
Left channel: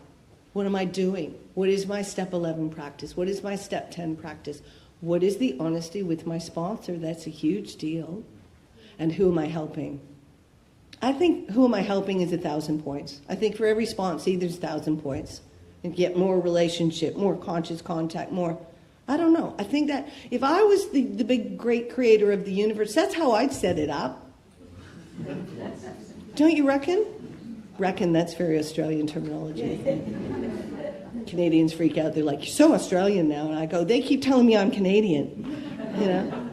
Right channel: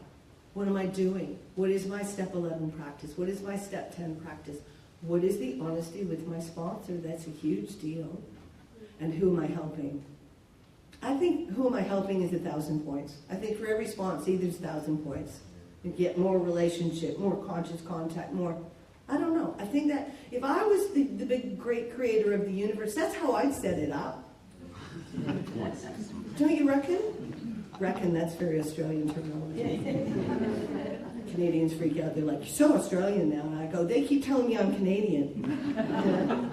What am I doing? What is my step 11 practice? What is my step 10 practice? What is the honesty with my sponsor? That's a huge deal. And who am I helping? I think who am I helping is 1,000 points. I think for every sponsee, there's 1,000 points. And get more relationship, more conscious contact, more, I don't know. I think that if I was the big, great creator of the universe, that's how I'd set it up. Don't you reckon? Reckon, that's very Australian terminology. Canadians freak out. They're like, you're so Australian now. And I go, they keep telling me I'm Canadian. You know?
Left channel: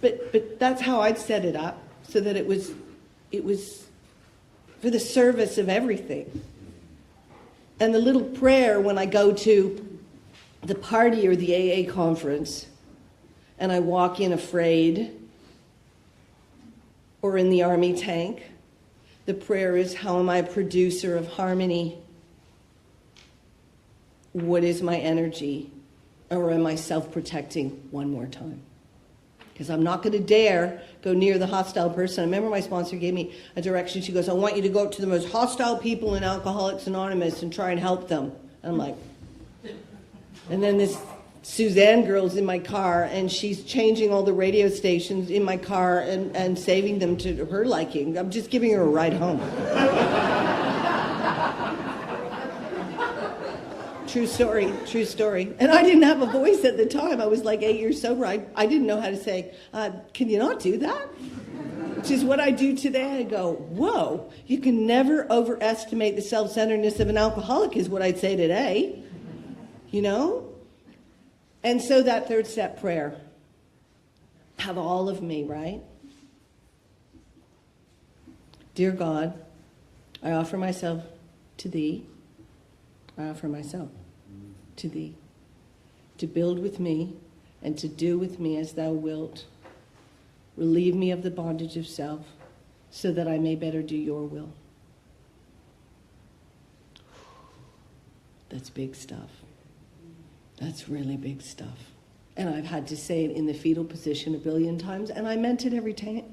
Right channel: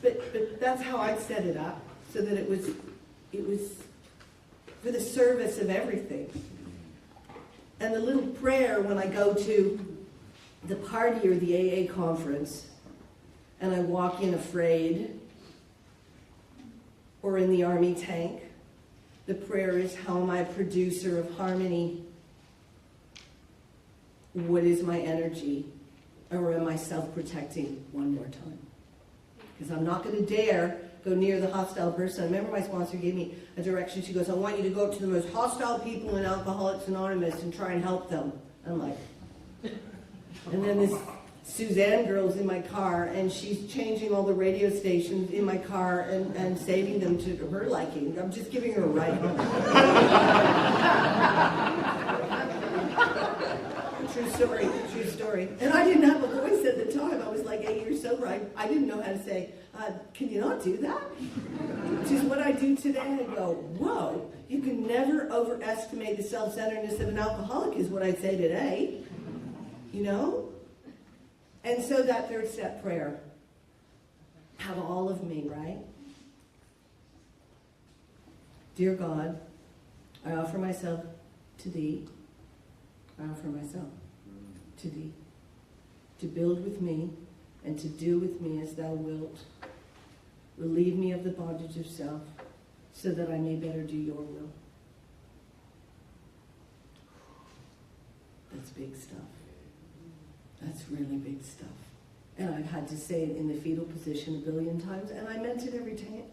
But that's how I'd set it up, so that it was for the service of everything. And the little prayer when I go to the party or the AA conference and I walk in afraid, or in the army tank, the prayer is, how am I a producer of harmony? What is my energy? Or am I self-protecting one more time? Because I'm not going to dare go near the hostile person. I remember my sponsor gave me a direction. She goes, I want you to go up to the most hostile people in Alcoholics Anonymous and try and help them. And I'm like, and then this Suzanne girl's in my car, and she's changing all the radio stations in my car and saving them to her liking. I'm just giving her a ride home. True story. And I didn't have a voice at the time. I was like 8 years sober. I didn't know how to say, can you not do that? Which is what I do today. I go, whoa, you can never overestimate the self-centeredness of an alcoholic, is what I'd say today. You know? And so that third step prayer. have all of me, right? Dear God, I offer myself to thee. I offer myself to thee, to build with me and to do with me as thou wilt. Relieve me of the bondage of self so that I may better do your will. That's big stuff. That's really big stuff. And I've had to say it in the fetal position 1 billion times, and I meant it every time.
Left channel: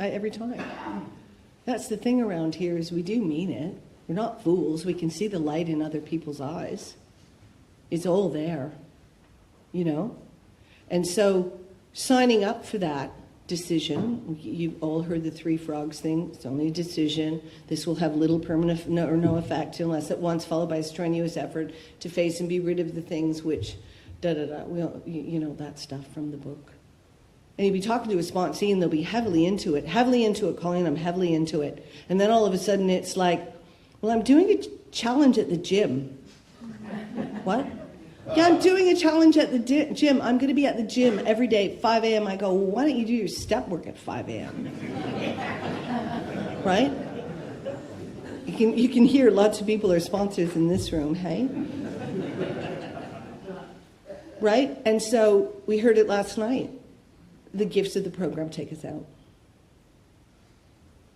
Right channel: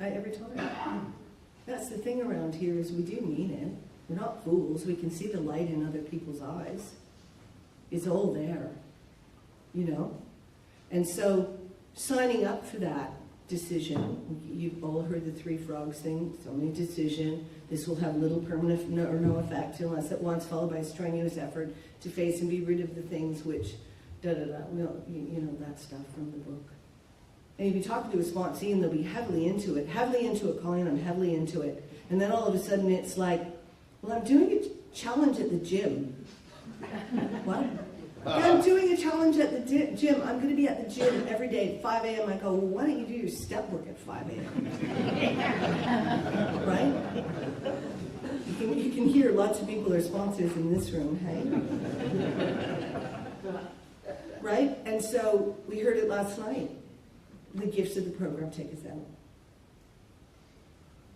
That's the thing around here, is we do mean it. We're not fools. We can see the light in other people's eyes. It's all there, you know? And so signing up for that decision, you've all heard the 3 frogs thing. It's only a decision. This will have little permanent or no effect unless at once followed by a strenuous effort to face and be rid of the things which da-da-da. Well, you know that stuff from the book. And you'll be talking to a sponsee and they'll be heavily into it, Coleen, I'm heavily into it. And then all of a sudden it's like, well, I'm doing a challenge at the gym. What? Yeah, I'm doing a challenge at the gym. I'm going to be at the gym every day at 5 a.m. I go, well, why don't you do your step work at 5 a.m.? Right? You can hear lots of people are sponsors in this room, hey? Right? And so we heard it last night. The gifts of the program take us out.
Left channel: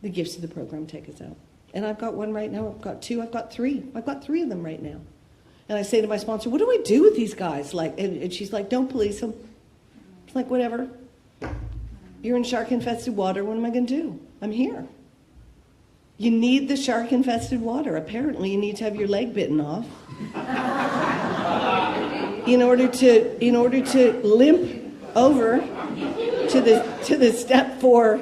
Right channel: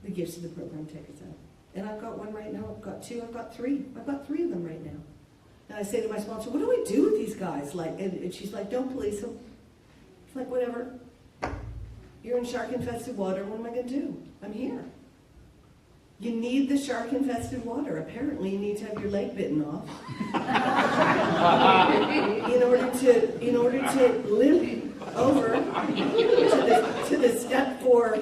The gifts of the program take us out. And I've got one right now. I've got 2. I've got 3. I've got 3 of them right now. And I say to my sponsor, what do I do with these guys? Like, and she's like, don't police them. It's like, whatever. You're in shark-infested water. What am I going to do? I'm here. You need the shark-infested water. Apparently, you need to have your leg bitten off in order to limp over to the step 4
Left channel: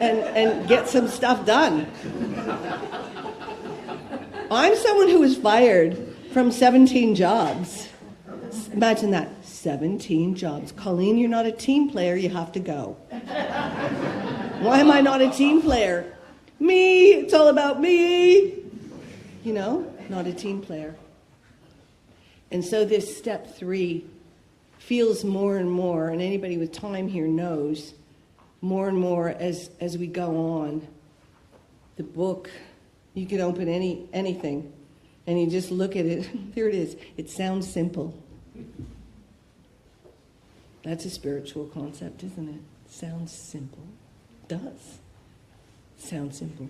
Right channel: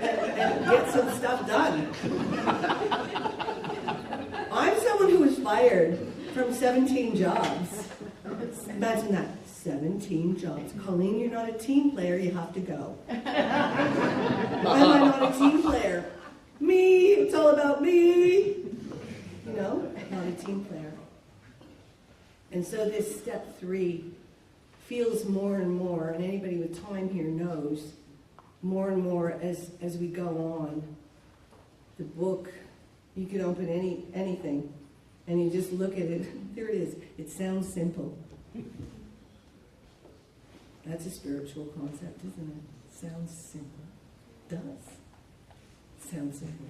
and get some stuff done. I'm someone who was fired from 17 jobs. Imagine that, 17 jobs. Coleen, you're not a team player, you have to go. Why am I not a team player? Me, it's all about me. You know, not a team player. And so this step 3 feels more and more, and anybody with time here knows, more and more as we go on. The book, you could open anything, and you just look at it. There it is. It sounds simple. That's a spiritual concept, isn't it? Sounds simple. It does. Sounds simple.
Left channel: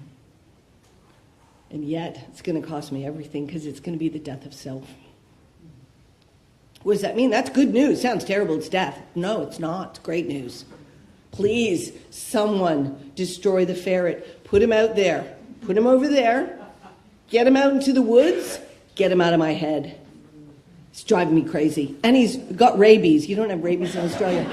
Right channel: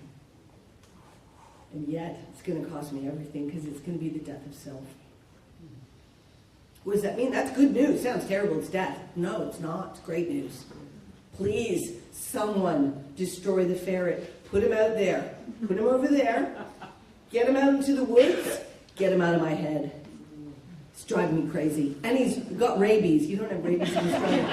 And yet, it's going to cost me everything because it's going to be the death of self. What does that mean? That's good news. Sounds terrible. It's death. No, it's not. It's great news. Please, someone destroy the ferret. Put him out there. Put him over there. Get him out into the woods. Get him out of my head. It's driving me crazy. And he's got rabies. You don't have rabies in Australia.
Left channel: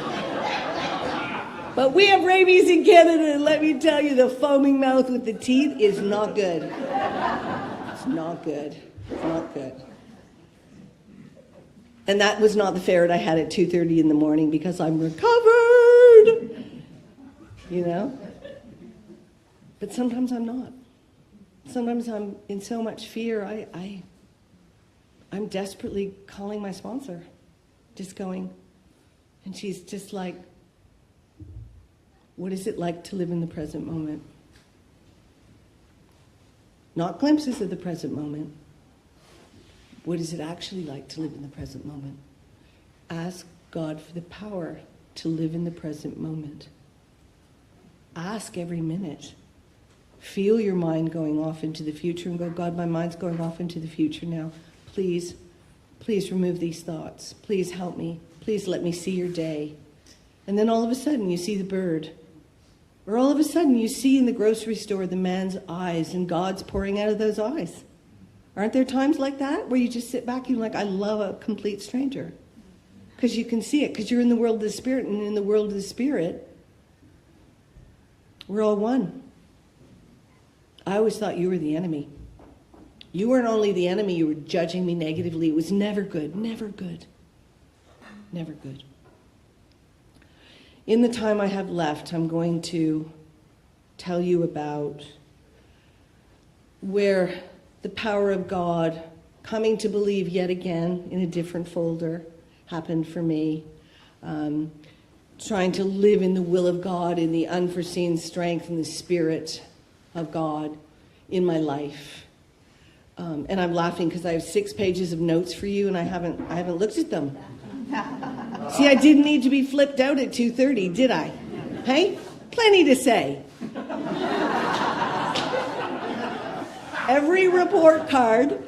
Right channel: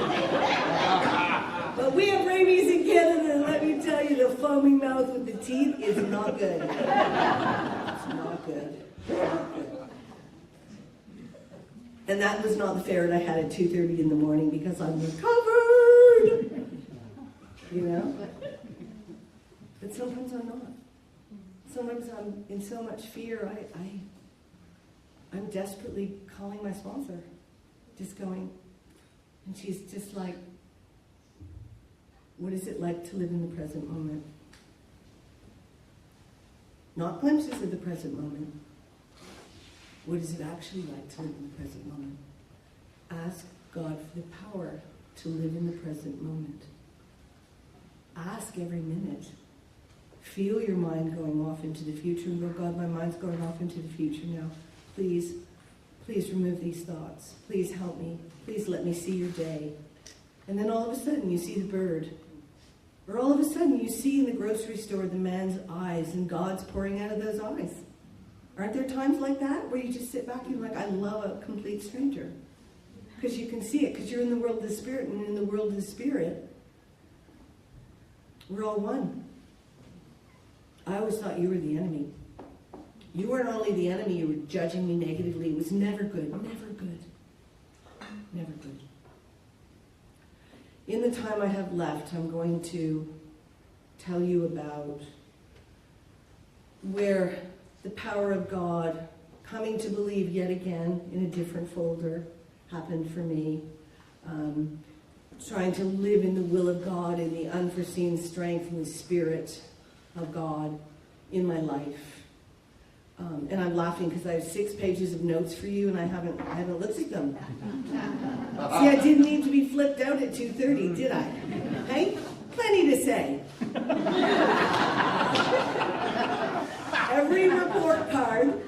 But we have rabies in Canada, and let me tell you, the foaming mouth with the teeth is not good. It's not good. It's not good. And that was not the ferret I had at 2:30 in the morning because I'm recovered. You know? But sometimes I'm not. Sometimes I'm in so much fear, I'm desperately calling my sponsor. Just going, and she's just like, what is it like to live in the present moment? Not glimpses of the present moment. What is it actually like to live in the present moment? Ask God for the power to live in the present moment. Ask every minute. Feel your mind going off into the future and go, God, my mind's going off into the future now. Please remove these thoughts. Please help me. Please let me see your day. And then all of a sudden you see the bird. Or all of a sudden you see in the grocery store the man's eyes and God's pouring out of those eyes. Aren't there times like that where you just sit back and you're like, I love a complete stranger? Because you can see it, because you're in the world of the Spirit, and in the world of the Spirit, we're all one. I always thought you were the enemy. You weren't only the enemy, you were judging me negatively. It was never good, never good, never good. In the time I have left, I'm going to tell you about where the power of God, coming to believe yet again in a different folder, happened for me. trying to live in the will of God, in the unforeseen strength and the Spirit of God in my life. And I'm laughing because I have 6 pages of notes for you, and I haven't looked at them. See, I didn't need to be flipped out at 2:30, did I? Hey, plenty to say. Every report card.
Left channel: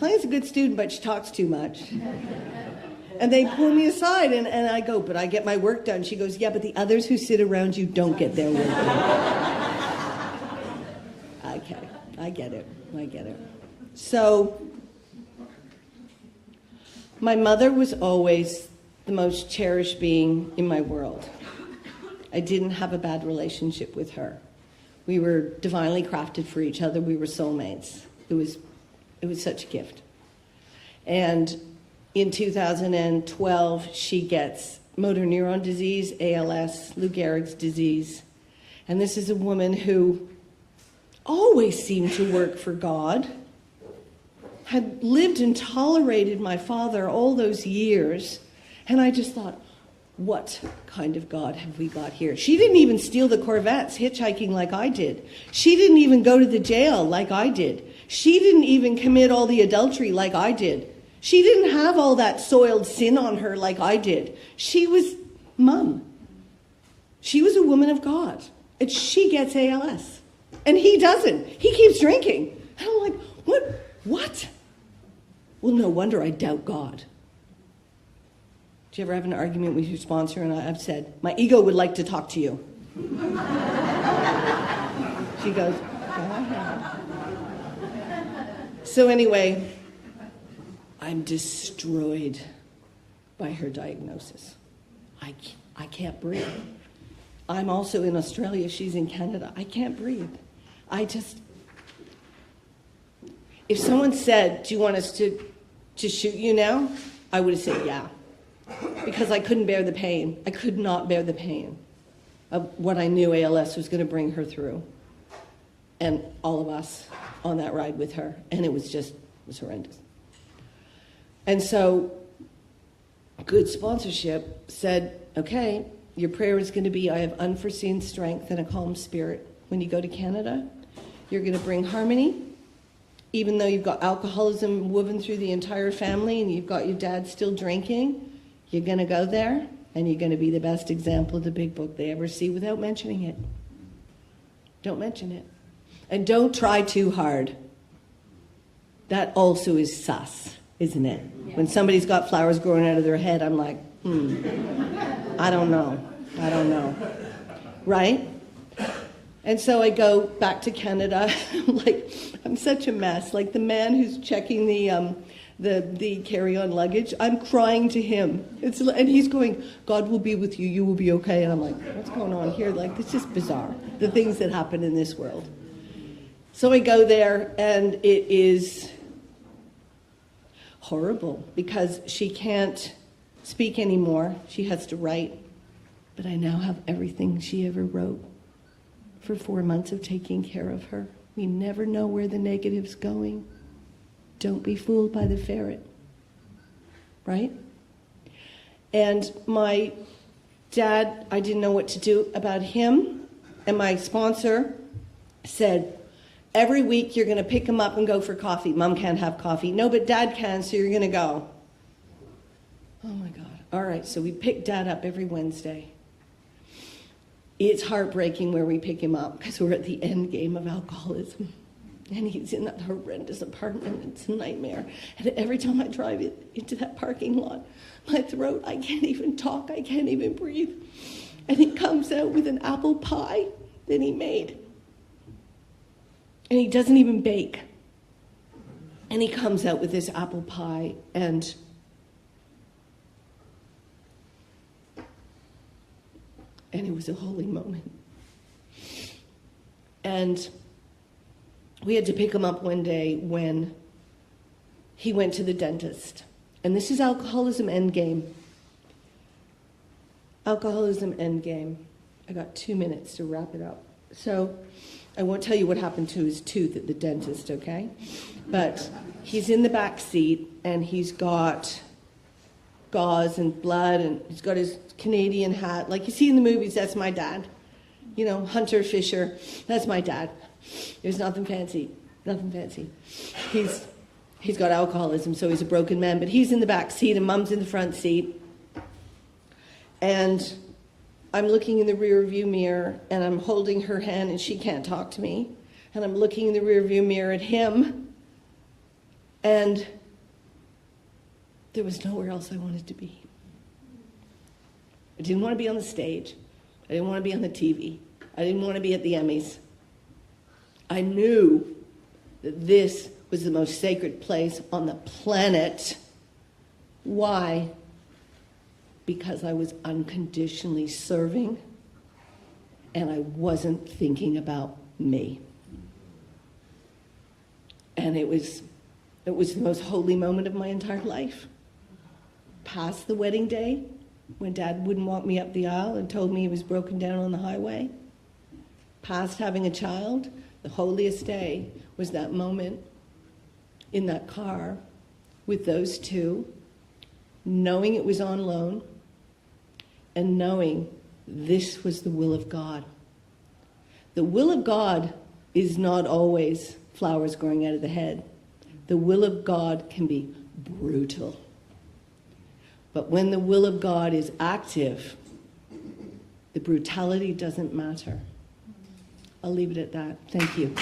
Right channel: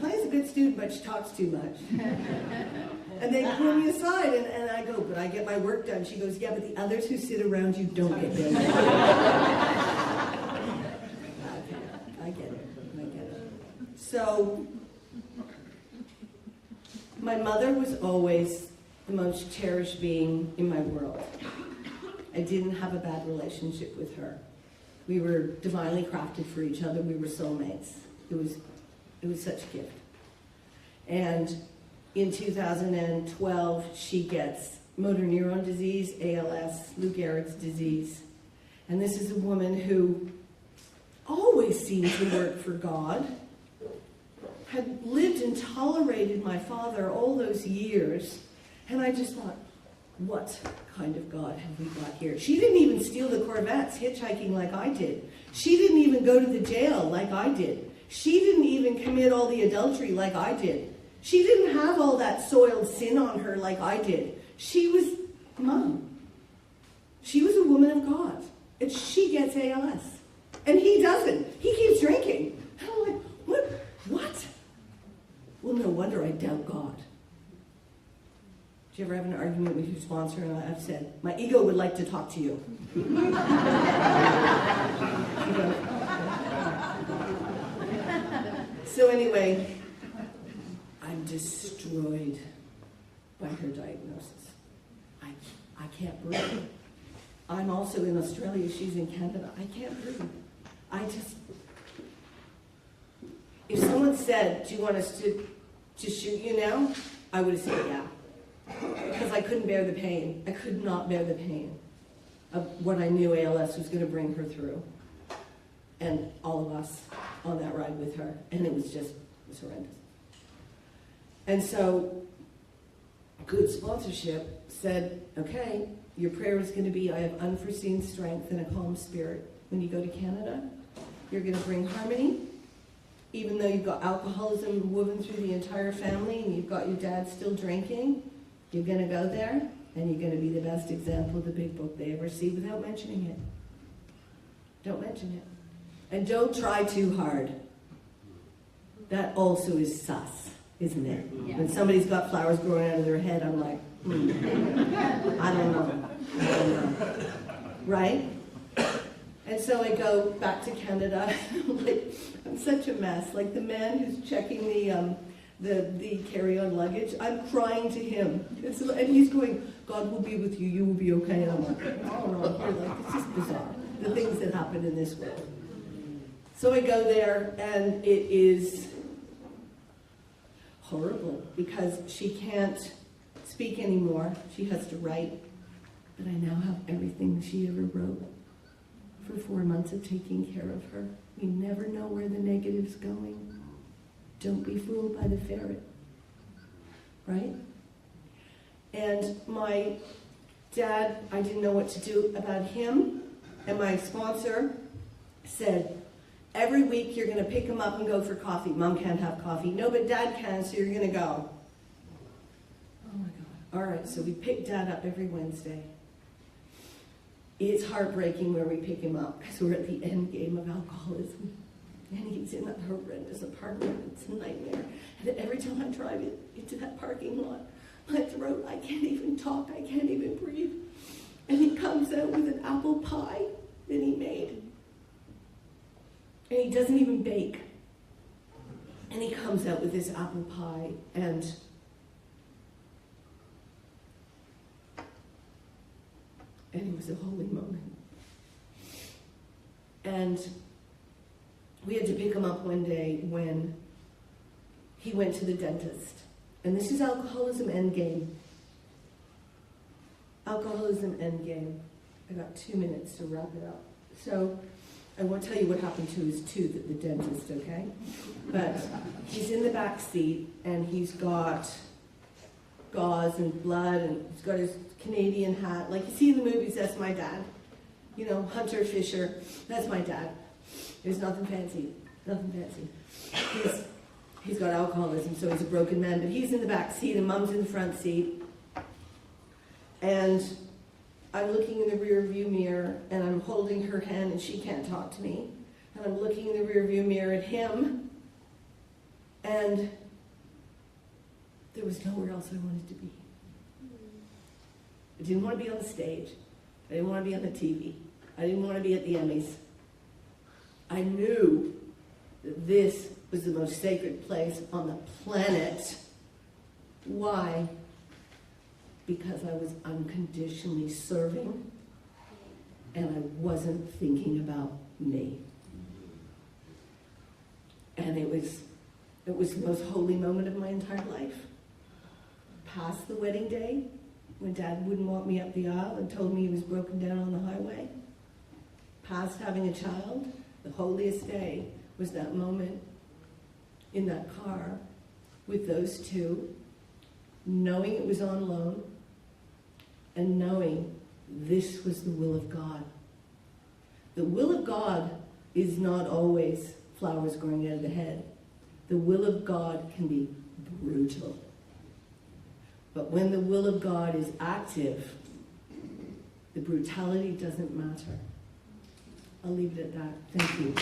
Colene's a good student, but she talks too much. And they pull me aside, and I go, but I get my work done. She goes, yeah, but the others who sit around you don't get their work done. I get it. So, my mother was always the most cherished being in my world. I didn't have a bad relationship with her. We were divinely crafted for each other. We were soulmates. It was such a gift. And in 2012, she gets motor neuron disease, ALS, Lou Gehrig's disease. And this is a woman who always seemed to work for God, had lived and tolerated my father all those years. And I just thought, what kind of God have we got here? She didn't even steal the Corvettes hitchhiking like I did. She didn't even go to the jail like I did. She didn't even commit all the adultery like I did. She didn't have all that soiled sin on her like I did. She was Mom. She was a woman of God. And she gets ALS. And he doesn't. He keeps drinking. And I'm like, what? Well, no wonder I doubt God. Do you ever have an argument with your sponsor? And I've said, my ego would like to talk to you. She goes, so anyway, I'm destroyed by her diagnosis. I can't breathe. I'm also in Australia. She's in Canada. I can't breathe. If someone said, do you want us to shoot you now? I would have said, yeah. Because I couldn't bear the pain. I could not bear the pain of what I knew ALS was going to bring her through. And all of us on that ride with her. And it was horrendous. And so, good sponsorship said, okay, your prayer is going to be, I have unforeseen strength and a calm spirit. When you go to Canada, you're going to bring harmony. Even though you've got alcoholism woven through the entire family and you've got your dad still drinking, you're going to go there and you're going to be the best example of the big book they ever see without mentioning it. Don't mention it. And don't try too hard. That also is sus, isn't it? Yeah. When somebody's got flowers growing out of their head, I'm like, I don't know. Right? And so I go back to Canada, like, I'm such a mess. Like the man who's checking the carry-on luggage, I'm crying to him. And he's going, God will be with you, you will be okay. And I'm like, what's going on here? Like, it's just bizarre, the things that happen in this world. So I go there, and it is horrible because she can't speak anymore. She has to write. But I now have everything she ever wrote. For 4 months of taking care of her. We never know where the negative's going. Don't be fooled by the ferret. Right? And my dad, I didn't know what to do about him. And my sponsor said, every week you're going to pick him up and go for coffee. Mom can't have coffee. No, but Dad can, so you're going to go. Oh my God. All right, so we pick Dad up every Wednesday. It's heartbreaking where we pick him up because we're at the end game of alcoholism. And he's in that horrendous apartment. It's a nightmare. And every time I drive into that parking lot, my throat, I can't even talk. I can't even breathe. And he comes out with an apple pie that he made. And he doesn't even bake. And he comes out with this apple pie and it was a holy moment. And we had to pick him up one day when he went to the dentist. And this is alcoholism endgame. Alcoholism endgame. I got 2 minutes to wrap it up. So I won't tell you what happened to his tooth at the dentist, okay? But he's in the back seat and he's got gauze and blood, and he's got his Canadian hat. Like you see in the movies, that's my dad. You know, hunter, fisher, that's my dad. There's nothing fancy, nothing fancy. He's got alcoholism, so he's a broken man, but he's in the back seat and Mom's in the front seat. And I'm looking in the rear view mirror and I'm holding her hand and she can't talk to me. And I'm looking in the rear view mirror at him, and there was nowhere else I wanted to be. I didn't want to be on the stage. I didn't want to be on the TV. I didn't want to be at the Emmys. I knew that this was the most sacred place on the planet. Why? Because I was unconditionally serving and I wasn't thinking about me. And it was the most holy moment of my entire life. Past the wedding day, when Dad wouldn't walk me up the aisle and told me he was broken down on the highway. Past having a child, the holiest day was that moment in that car with those two, knowing it was on loan, and knowing this was the will of God. The will of God is not always flowers growing out of the head. The will of God can be brutal. But when the will of God is active, the brutality doesn't matter. I'll leave it at that. Thank you.